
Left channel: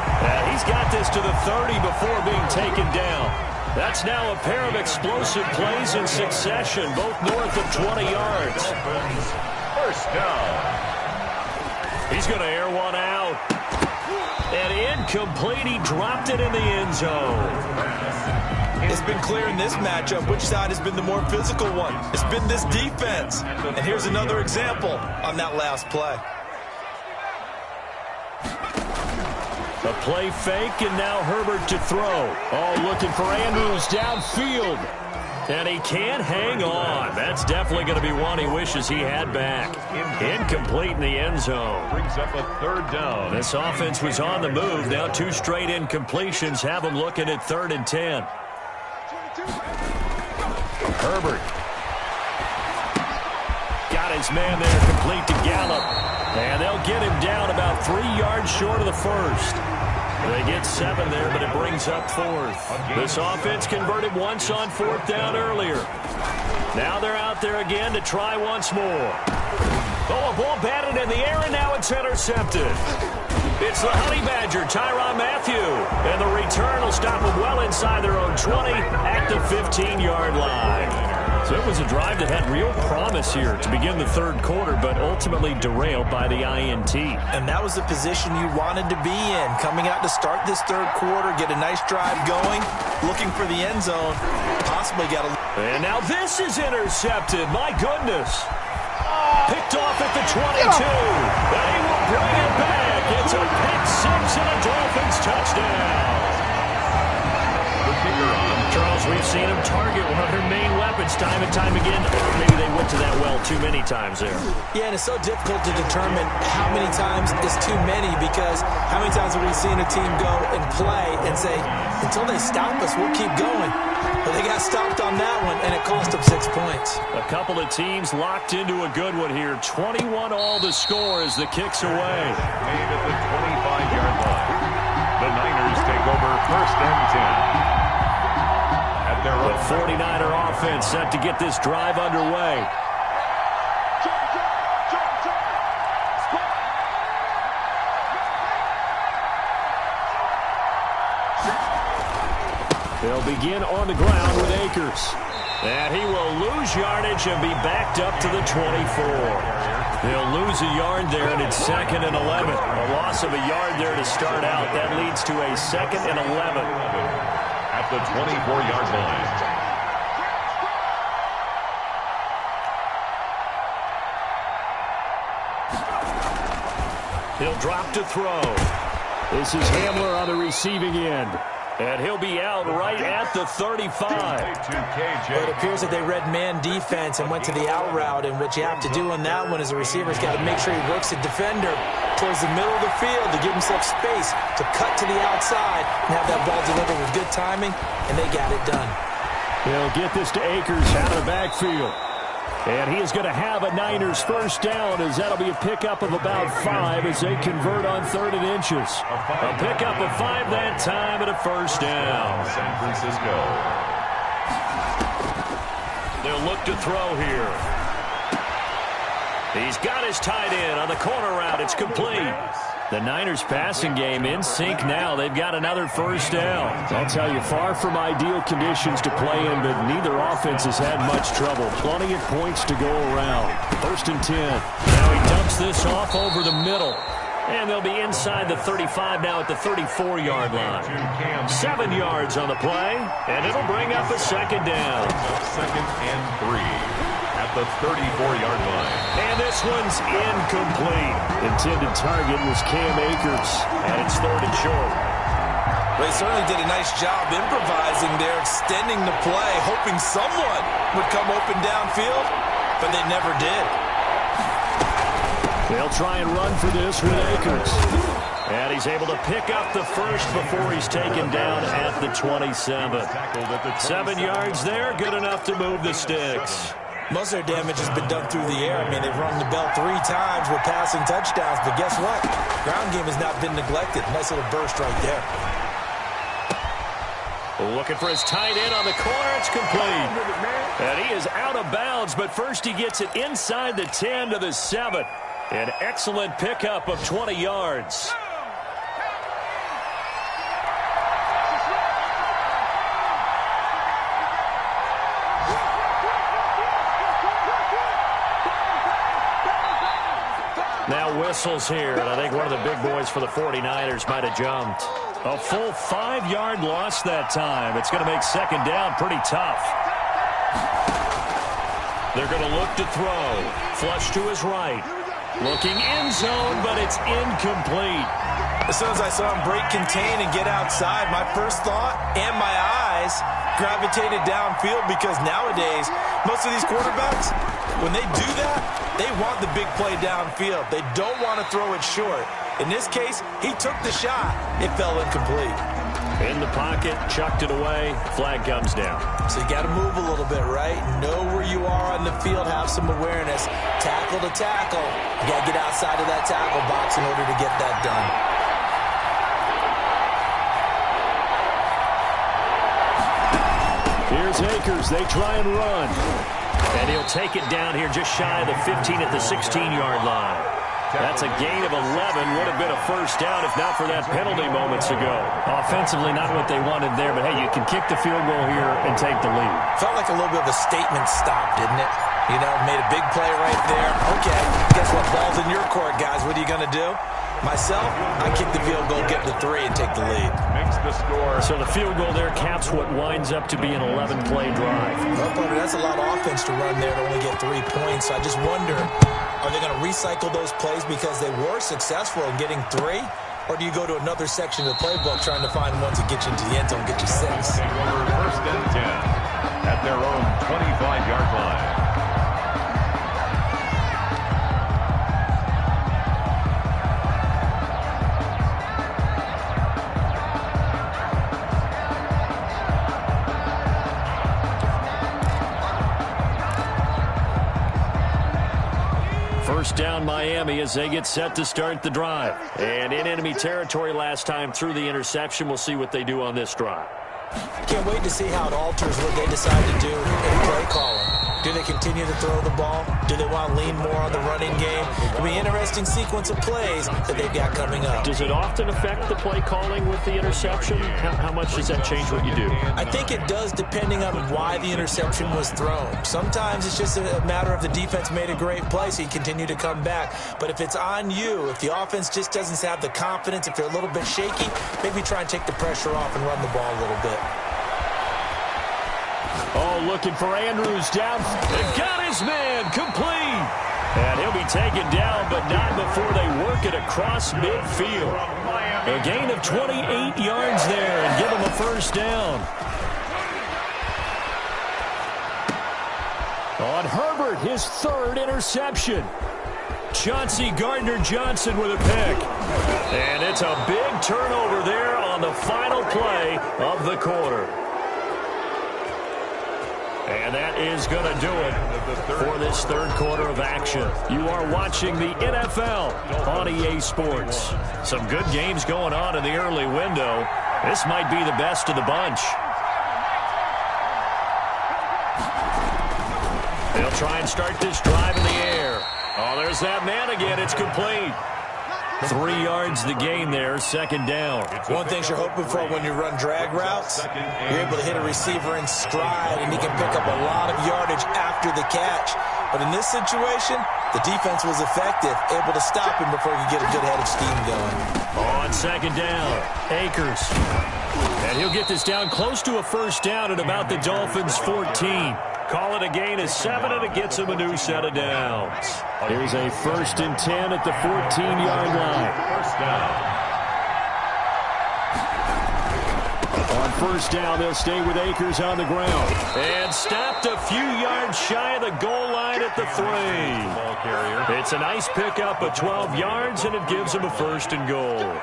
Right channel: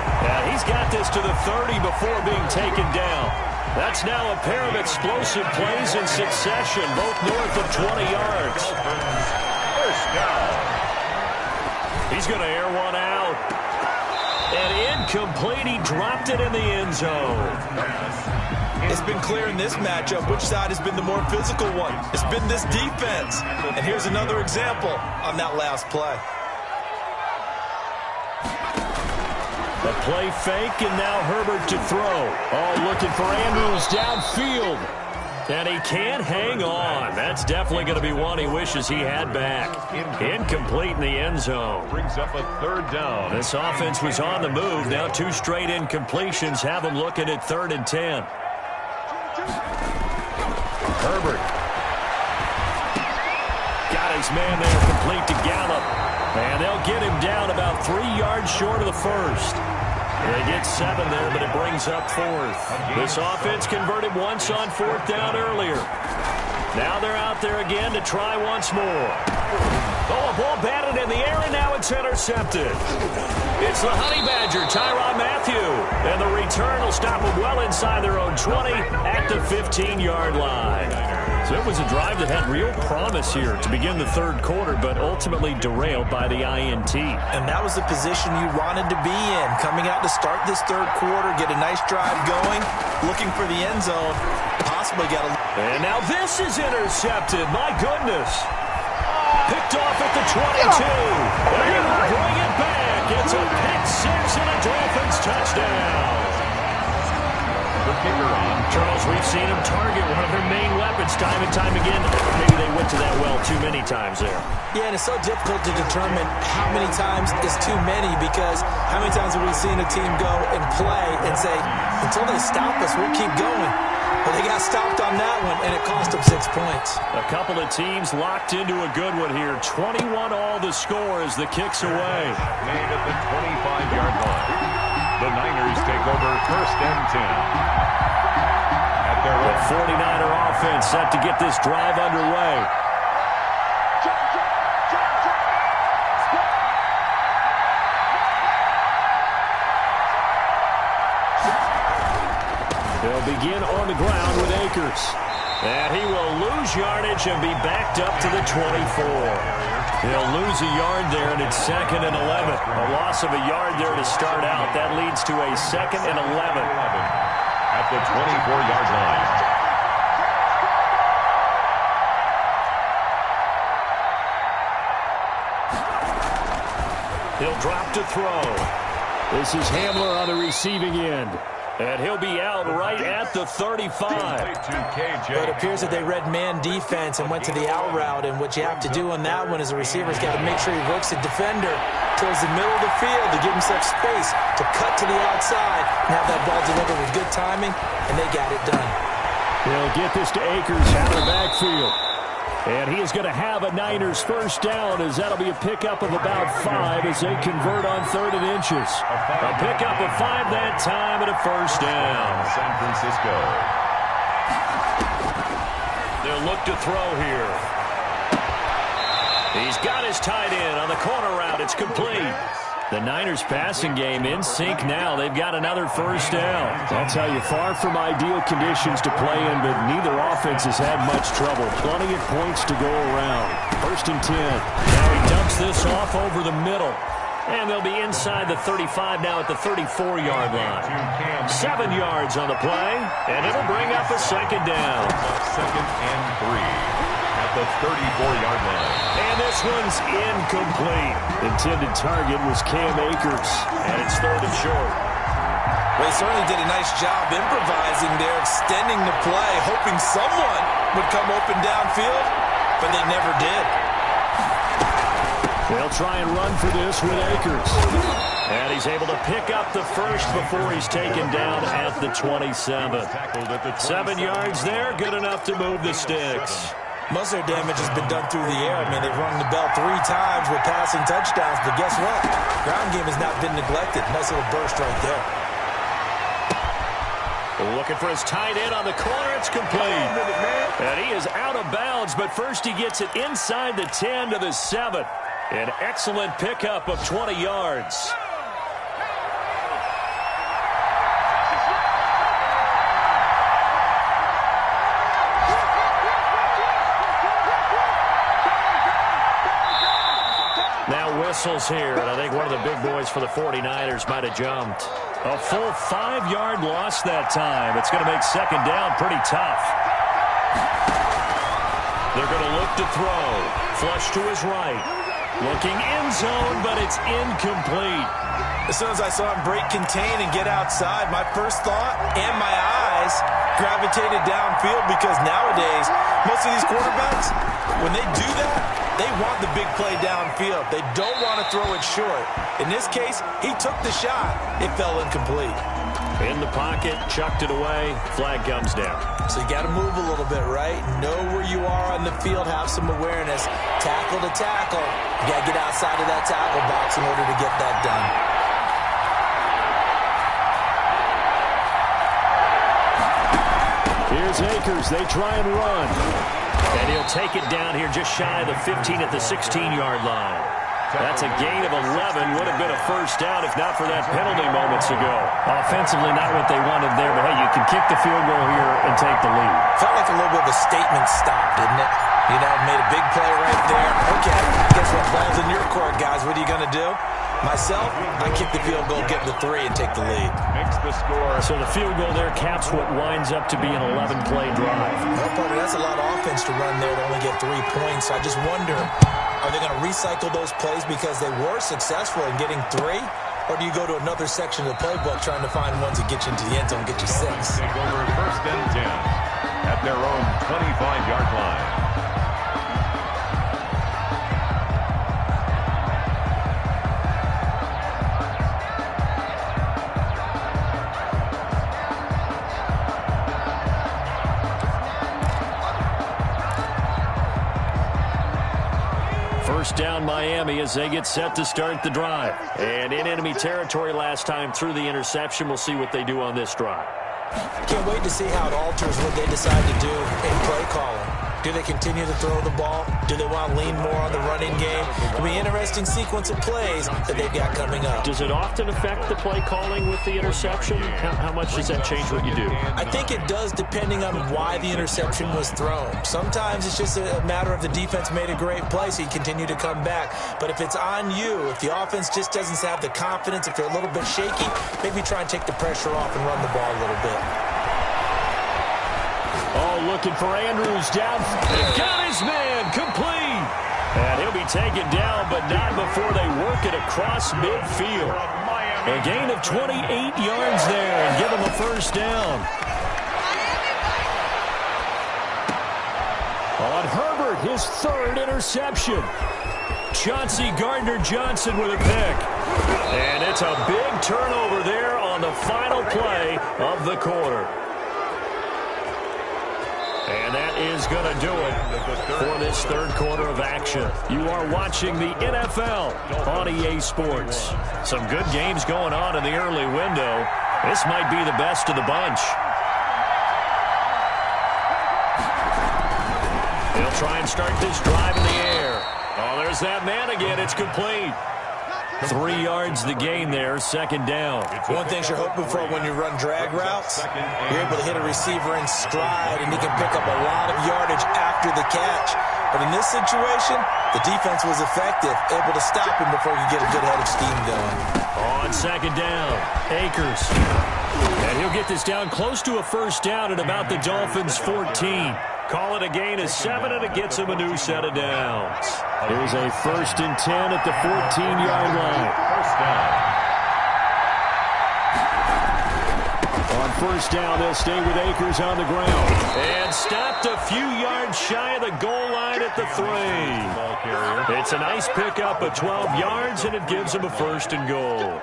He's got this to the 30 before being taken down. That's now a pair of explosive plays in succession, both north of 20 yards. First down. He's going to air one out. And incomplete. He dropped it in the end zone. It's been clear in this matchup which side has been the more physical one. It's been this defense. And here's another example on that last play. A play fake, and now Herbert to throw. Oh, looking for Andrews downfield. And he can't hang on. That's definitely going to be one he wishes he had back. Incomplete in the end zone. Brings up a third down. This offense was on the move. Now 2 straight incompletions have them looking at 3rd and 10. Herbert. Got his man there, complete to Gallup. And they'll get him down about 3 yards short of the first. They get 7 there, but it brings up 4th. This offense converted once on 4th down earlier. Now they're out there again to try once more. Oh, a ball batted in the air, and now it's intercepted. It's the Honey Badger, Tyrann Mathieu. And the return will stop them well inside their own 20 at the 15-yard line. So it was a drive that had real promise here to begin the 3rd quarter, but ultimately derailed by the INT. And that was the position you wanted to be in. Coming out to start this 3rd quarter, get a nice drive going, looking for the end zone, possibly got a... And now this is intercepted. My goodness. Picked off at the 22. And he will bring it back. It's a pick-6 and a Dolphins touchdown. The kicker on. Charles, we've seen him target one of their main weapons time and time again. Maybe they went to that well too many times there. Yeah, and it's so difficult to determine how many times is too many, because how many times have we seen a team go and play and say, until they stop us, we'll keep going. Well, they got stopped on that one, and it cost them 6 points. A couple of teams locked into a good one here. 21 all the score as the kick's away. Made at the 25-yard line. The Niners take over 1st and 10. At their own. The 49er offense set to get this drive underway. They'll begin on the ground with Akers. And he will lose yardage and be backed up to the 24. He'll lose a yard there, and it's 2nd and 11. A loss of a yard there to start out. That leads to a 2nd and 11. At the 24-yard line. He'll drop to throw. This is Hamler on the receiving end. And he'll be out right at the 35. But it appears that they read man defense and went to the out route. And what you have to do on that one is the receiver's got to make sure he works the defender towards the middle of the field to give himself space to cut to the outside and have that ball delivered with good timing, and they got it done. They'll get this to Akers out of the backfield. And he is going to have a Niners first down, as that'll be a pickup of about 5 as they convert on 3rd and inches. A pickup of 5 that time and a first down. San Francisco. They'll look to throw here. He's got his tight end on the corner route. It's complete. The Niners passing game in sync now. They've got another first down. I'll tell you, far from ideal conditions to play in, but neither offense has had much trouble. Plenty of points to go around. 1st and 10. Now he dumps this off over the middle. And they'll be inside the 35 now at the 34-yard line. 7 yards on the play, and it'll bring up a 2nd down. 2nd and 3 at the 34-yard line. And this one's incomplete. Intended target was Cam Akers, and it's 3rd and short. They certainly did a nice job improvising there, extending the play, hoping someone would come open downfield, but they never did. They'll try and run for this with Akers. And he's able to pick up the first before he's taken down at the 27. 7 yards there, good enough to move the sticks. Most of their damage has been done through the air. I mean, they've rung the bell 3 times with passing touchdowns, but guess what? Ground game has not been neglected. Nice little burst right there. Looking for his tight end on the corner. It's complete. And he is out of bounds, but first he gets it inside the 10 to the 7. An excellent pickup of 20 yards. Now whistles here, and I think one of the big boys for the 49ers might have jumped. A full 5-yard loss that time. It's going to make second down pretty tough. They're going to look to throw. Flush to his right. Looking end zone, but it's incomplete. As soon as I saw him break contain and get outside, my first thought and my eyes gravitated downfield, because nowadays, most of these quarterbacks, when they do that, they want the big play downfield. They don't want to throw it short. In this case, he took the shot. It fell incomplete. In the pocket, chucked it away. Flag comes down. So you got to move a little bit, right? Know where you are on the field. Have some awareness. Tackle to tackle. You got to get outside of that tackle box in order to get that done. Here's Akers. They try and run. And he'll take it down here just shy of the 15 at the 16-yard line. That's a gain of 11. Would have been a first down if not for that penalty moments ago. Offensively, not what they wanted there, but hey, you can kick the field goal here and take the lead. Felt like a little bit of a statement stop, didn't it? You know, made a big play right there. Okay, guess what? Ball's in your court, guys. What are you going to do? Myself, I kick the field goal, get the 3, and take the lead. Makes the score. So the field goal there caps what winds up to be an 11-play drive. Well, partner, that's a lot of offense to run there to only get 3 points. So I just wonder, are they going to recycle those plays because they were successful in getting 3? Or do you go to another section of the playbook trying to find ones that get you into the end zone, get you 6? Take over first and 10 at their own 25-yard line. First down Miami as they get set to start the drive. And in enemy territory last time through the interception. We'll see what they do on this drive. Can't wait to see how it alters what they decide to do in play calling. Do they continue to throw the ball? Do they want to lean more on the running game? It'll be an interesting sequence of plays that they've got coming up. Does it often affect the play calling with the interception? How much does that change what you do? I think it does, depending on why the interception was thrown. Sometimes it's just a matter of the defense made a great play, so you continue to come back. But if it's on you, if the offense just doesn't have the confidence, if they're a little bit shaky, maybe try and take the pressure off and run the ball a little bit. Oh, looking for Andrews down. They've got his man complete. And he'll be taken down, but not before they work it across midfield. A gain of 28 yards there and give him a first down. On Herbert, his 3rd interception. Chauncey Gardner-Johnson with a pick. And it's a big turnover there on the final play of the quarter. And that is going to do it for this 3rd quarter of action. You are watching the NFL on EA Sports. Some good games going on in the early window. This might be the best of the bunch. They'll try and start this drive in the air. Oh, there's that man again. It's complete. 3 yards the gain there, second down. One thing you're hoping for when you run drag routes, you're able to hit a receiver in stride, and he can pick up a lot of yardage after the catch. But in this situation, the defense was effective, able to stop him before he could get a good head of steam going. On second down, Akers. And he'll get this down close to a first down at about the Dolphins' 14. Call it a gain of 7, and it gets him a new set of downs. Here's a 1st and 10 at the 14-yard line. First down. On first down, they'll stay with Akers on the ground. And stopped a few yards shy of the goal line at the 3. It's a nice pickup of 12 yards, and it gives them a 1st and goal.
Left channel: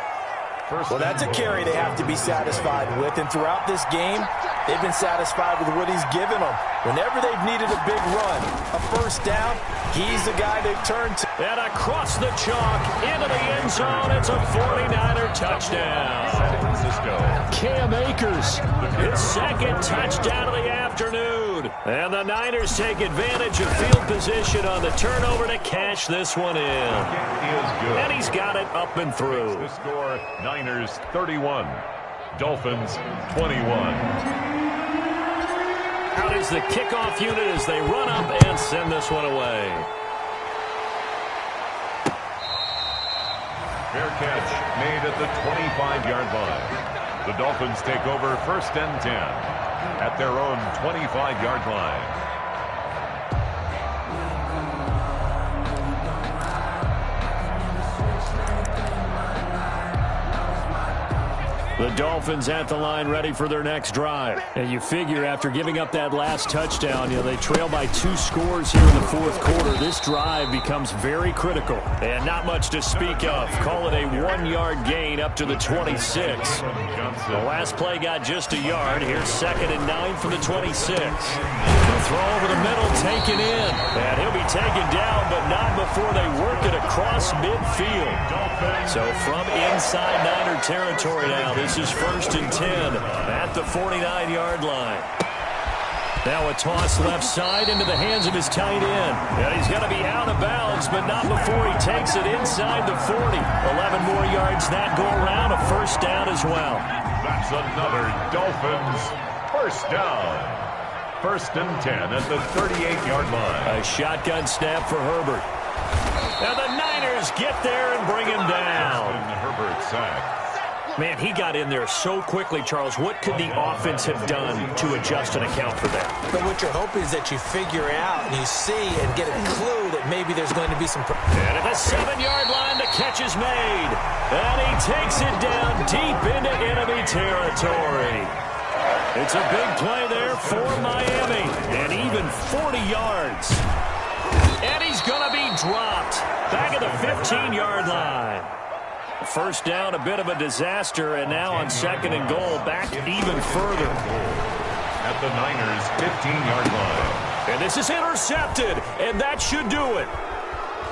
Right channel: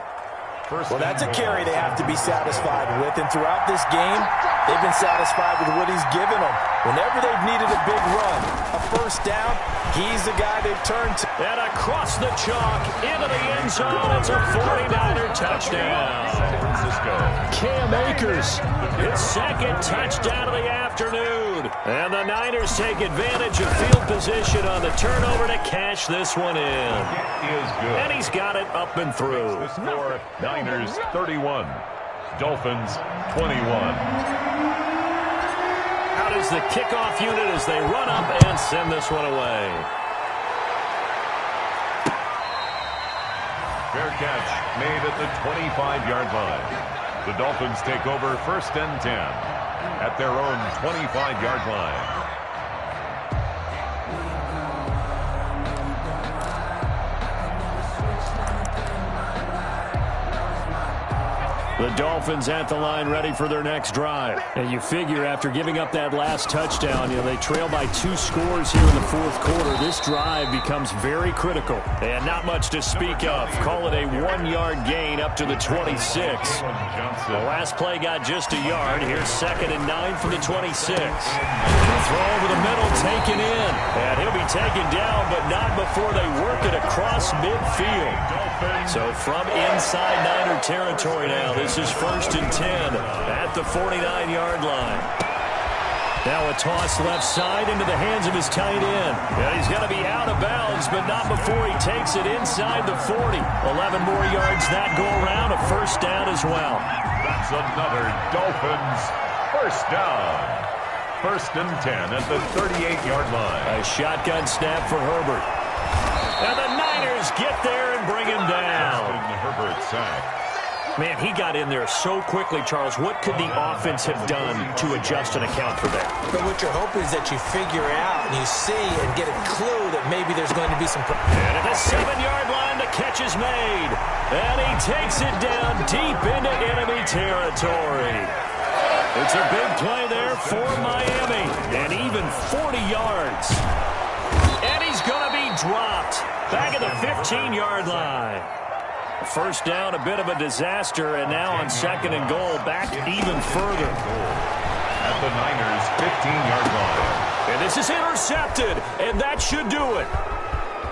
Well, that's a carry they have to be satisfied with. And throughout this game, They've been satisfied with what he's given them. Whenever they've needed a big run, a first down, he's the guy they've turned to. And across the chalk, into the end zone, it's a 49er touchdown. San Francisco. Cam Akers, his second touchdown of the afternoon. And the Niners take advantage of field position on the turnover to cash this one in. It is good. And he's got it up and through. The score, Niners 31, Dolphins 21. Out is the kickoff unit as they run up and send this one away. Fair catch made at the 25-yard line. The Dolphins take over 1st and 10 at their own 25-yard line. The Dolphins at the line ready for their next drive. And you figure after giving up that last touchdown, they trail by 2 scores here in the 4th quarter. This drive becomes very critical. And not much to speak of. Call it a 1-yard gain up to the 26. The last play got just a yard. Here's 2nd and 9 for the 26. The throw over the middle taken in. And he'll be taken down, but not before they work it across midfield. So from inside Niner territory now, this is 1st and 10 at the 49-yard line. Now a toss left side into the hands of his tight end. And he's going to be out of bounds, but not before he takes it inside the 40. 11 more yards that go around, a 1st down as well. That's another Dolphins 1st down. 1st and 10 at the 38-yard line. A shotgun snap for Herbert. Now the Niners get there and bring him down. Justin Herbert sack. Man, he got in there so quickly, Charles. What could the offense have done to adjust and account for that? But what you're hoping is that you figure out and you see and get a clue that maybe there's going to be some... And at the 7-yard line, the catch is made. And he takes it down deep into enemy territory. It's a big play there for Miami. And even 40 yards. And he's going to be dropped back at the 15-yard line. 1st down, a bit of a disaster, and now on 2nd and goal, back even further. At the Niners' 15-yard line. And this is intercepted, and that should do it.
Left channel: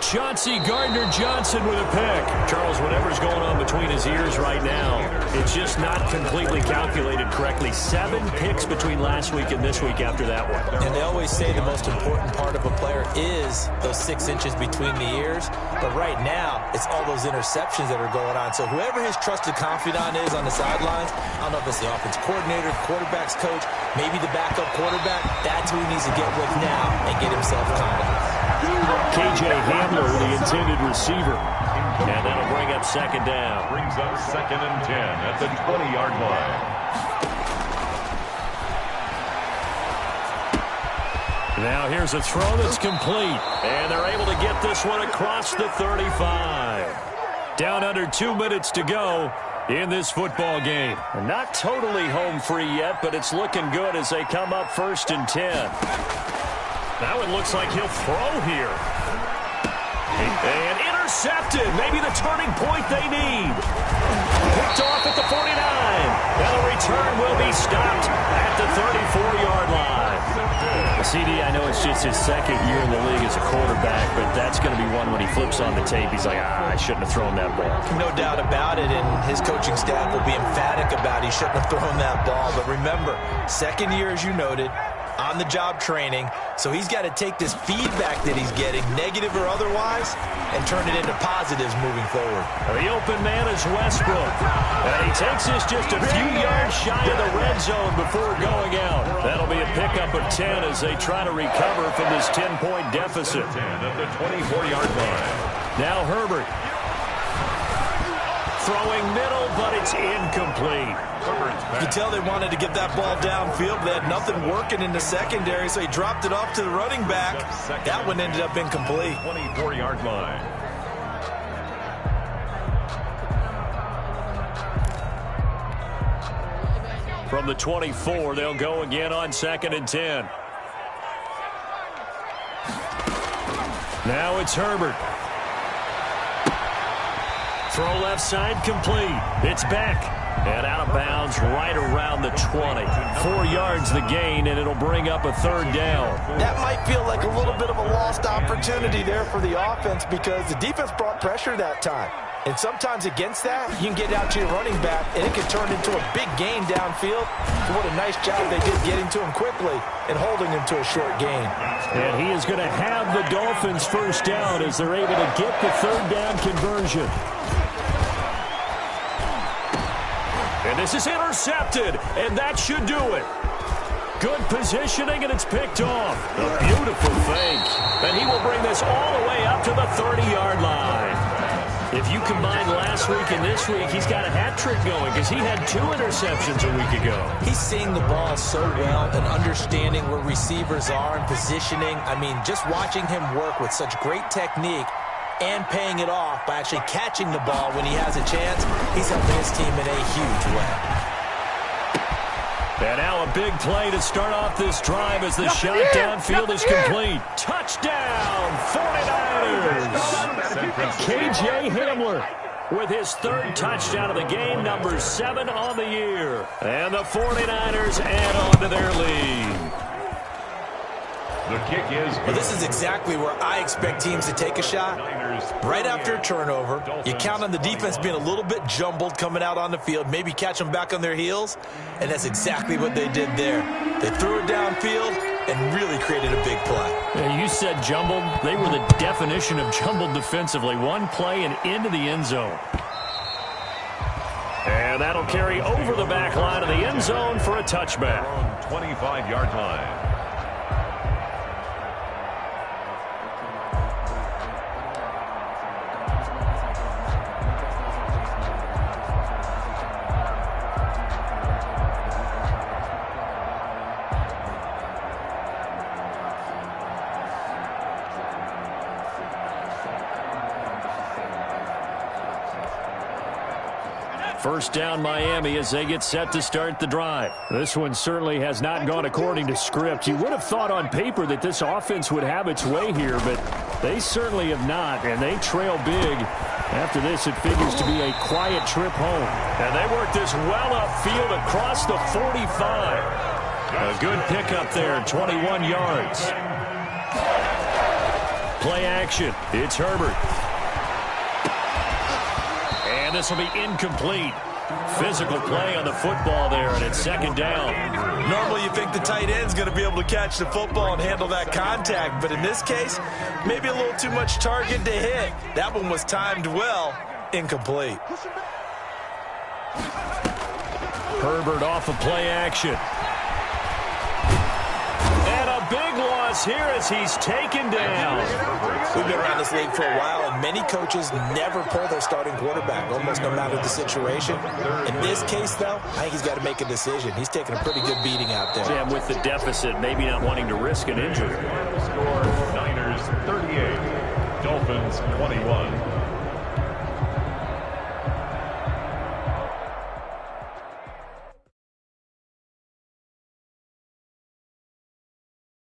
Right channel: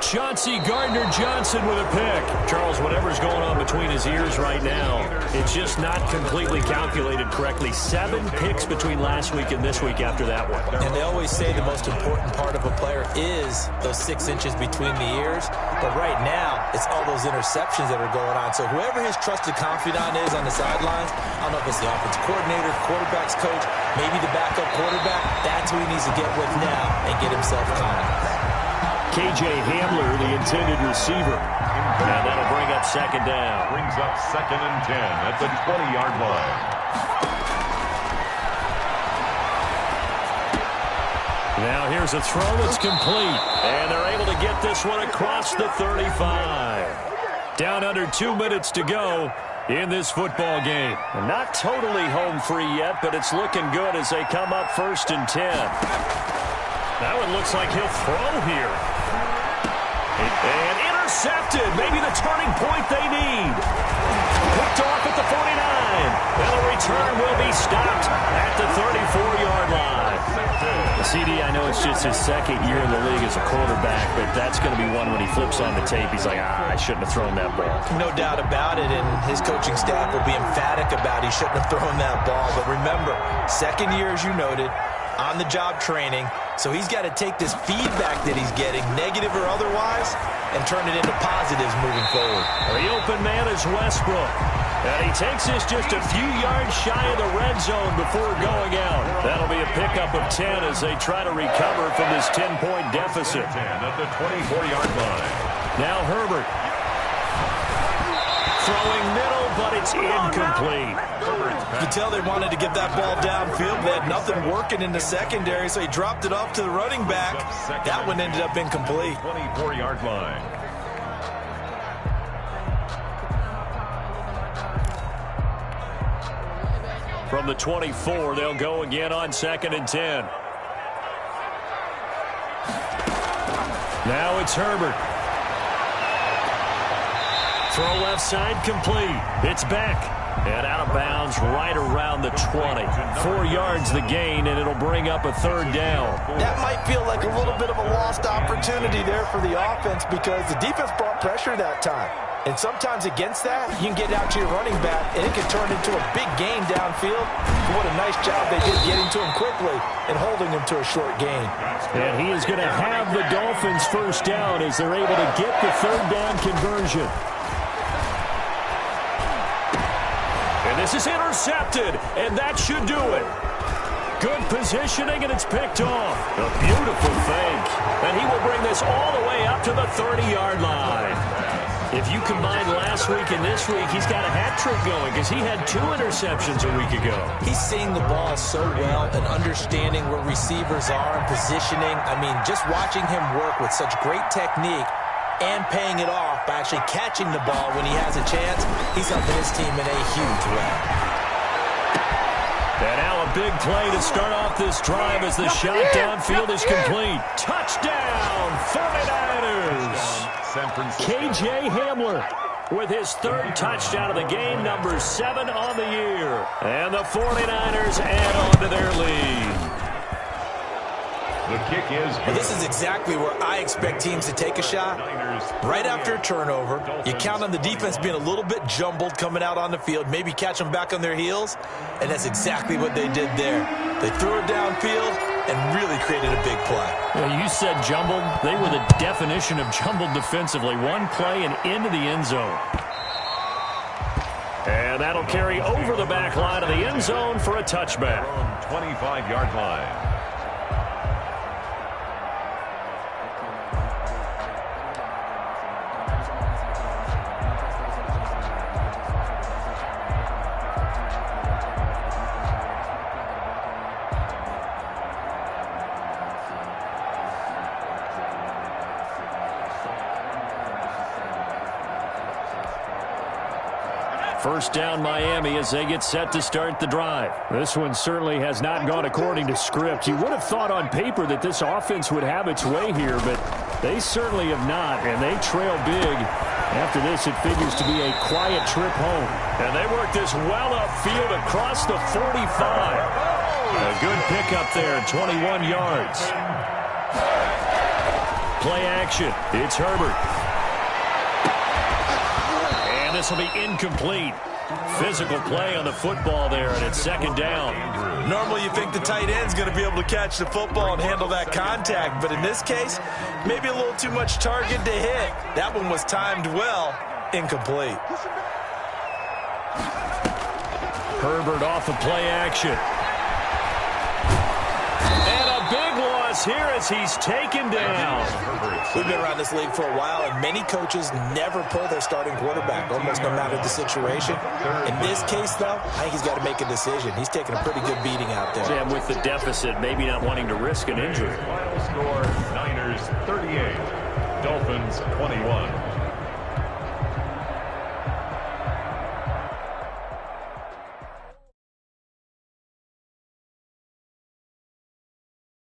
Chauncey Gardner-Johnson with a pick. Charles, whatever's going on between his ears right now, it's just not completely calculated correctly. 7 picks between last week and this week after that one. And they always say the most important part of a player is those 6 inches between the ears. But right now, it's all those interceptions that are going on. So whoever his trusted confidant is on the sidelines, I don't know if it's the offensive coordinator, quarterback's coach, maybe the backup quarterback, that's who he needs to get with now and get himself confidence. KJ Hamler, the intended receiver. And that'll bring up 2nd down. Brings up 2nd and 10 at the 20-yard line. Now here's a throw that's complete. And they're able to get this one across the 35. Down under 2 minutes to go in this football game. And not totally home free yet, but it's looking good as they come up 1st and 10. That one looks like he'll throw here. And intercepted. Maybe the turning point they need. Picked off at the 49. And the return will be stopped at the 34-yard line. CD, I know it's just his 2nd year in the league as a quarterback, but that's going to be one when he flips on the tape. He's like, I shouldn't have thrown that ball. No doubt about it, and his coaching staff will be emphatic about he shouldn't have thrown that ball. But remember, 2nd year, as you noted, on-the-job training, so he's got to take this feedback that he's getting, negative or otherwise, and turn it into positives moving forward. The open man is Westbrook, and he takes this just a few yards shy of the red zone before going out. That'll be a pickup of 10 as they try to recover from this 10-point deficit. 10 at the 24-yard line. Now Herbert. Throwing middle, but it's incomplete. You can tell they wanted to get that ball downfield. They had nothing working in the secondary, so he dropped it off to the running back. That one ended up incomplete. 24-yard line. From the 24, they'll go again on 2nd and 10. Now it's Herbert. Throw left side complete. It's back. And out of bounds right around the 20. 4 yards the gain, and it'll bring up a third down. That might feel like a little bit of a lost opportunity there for the offense because the defense brought pressure that time. And sometimes against that, you can get out to your running back, and it can turn into a big gain downfield. What a nice job they did getting to him quickly and holding him to a short gain. And he is going to have the Dolphins first down as they're able to get the third down conversion. And this is intercepted, and that should do it. Good positioning, and it's picked off. A beautiful fake. And he will bring this all the way up to the 30-yard line. If you combine last week and this week, he's got a hat trick going because he had 2 interceptions a week ago. He's seeing the ball so well and understanding where receivers are and positioning. I mean, just watching him work with such great technique and paying it off by actually catching the ball when he has a chance, he's helping his team in a huge way. And now a big play to start off this drive as the shot downfield is complete. Touchdown, 49ers! KJ Hamler with his 3rd touchdown of the game, number 7 on the year. And the 49ers add on to their lead. The kick is good. Well, this is exactly where I expect teams to take a shot. Right after a turnover, you count on the defense being a little bit jumbled coming out on the field, maybe catch them back on their heels, and that's exactly what they did there. They threw it downfield and really created a big play. Yeah, you said jumbled. They were the definition of jumbled defensively. One play and into the end zone. And that'll carry over the back line of the end zone for a touchback. 25-yard line. First down, Miami, as they get set to start the drive. This one certainly has not gone according to script. You would have thought on paper that this offense would have its way here, but they certainly have not, and they trail big. After this, it figures to be a quiet trip home. And they work this well upfield across the 45. A good pickup there, 21 yards. Play action. It's Herbert. And this will be incomplete. Physical play on the football there, and it's 2nd down. Normally you think the tight end's going to be able to catch the football and handle that contact, but in this case, maybe a little too much target to hit. That one was timed well, incomplete. Herbert off of play action. And a big loss here as he's taken down. We've been around this league for a while, and many coaches never pull their starting quarterback, almost no matter the situation. In this case, though, I think he's got to make a decision. He's taking a pretty good beating out there. Yeah, with the deficit, maybe not wanting to risk an injury. Final score, Niners 38, Dolphins 21.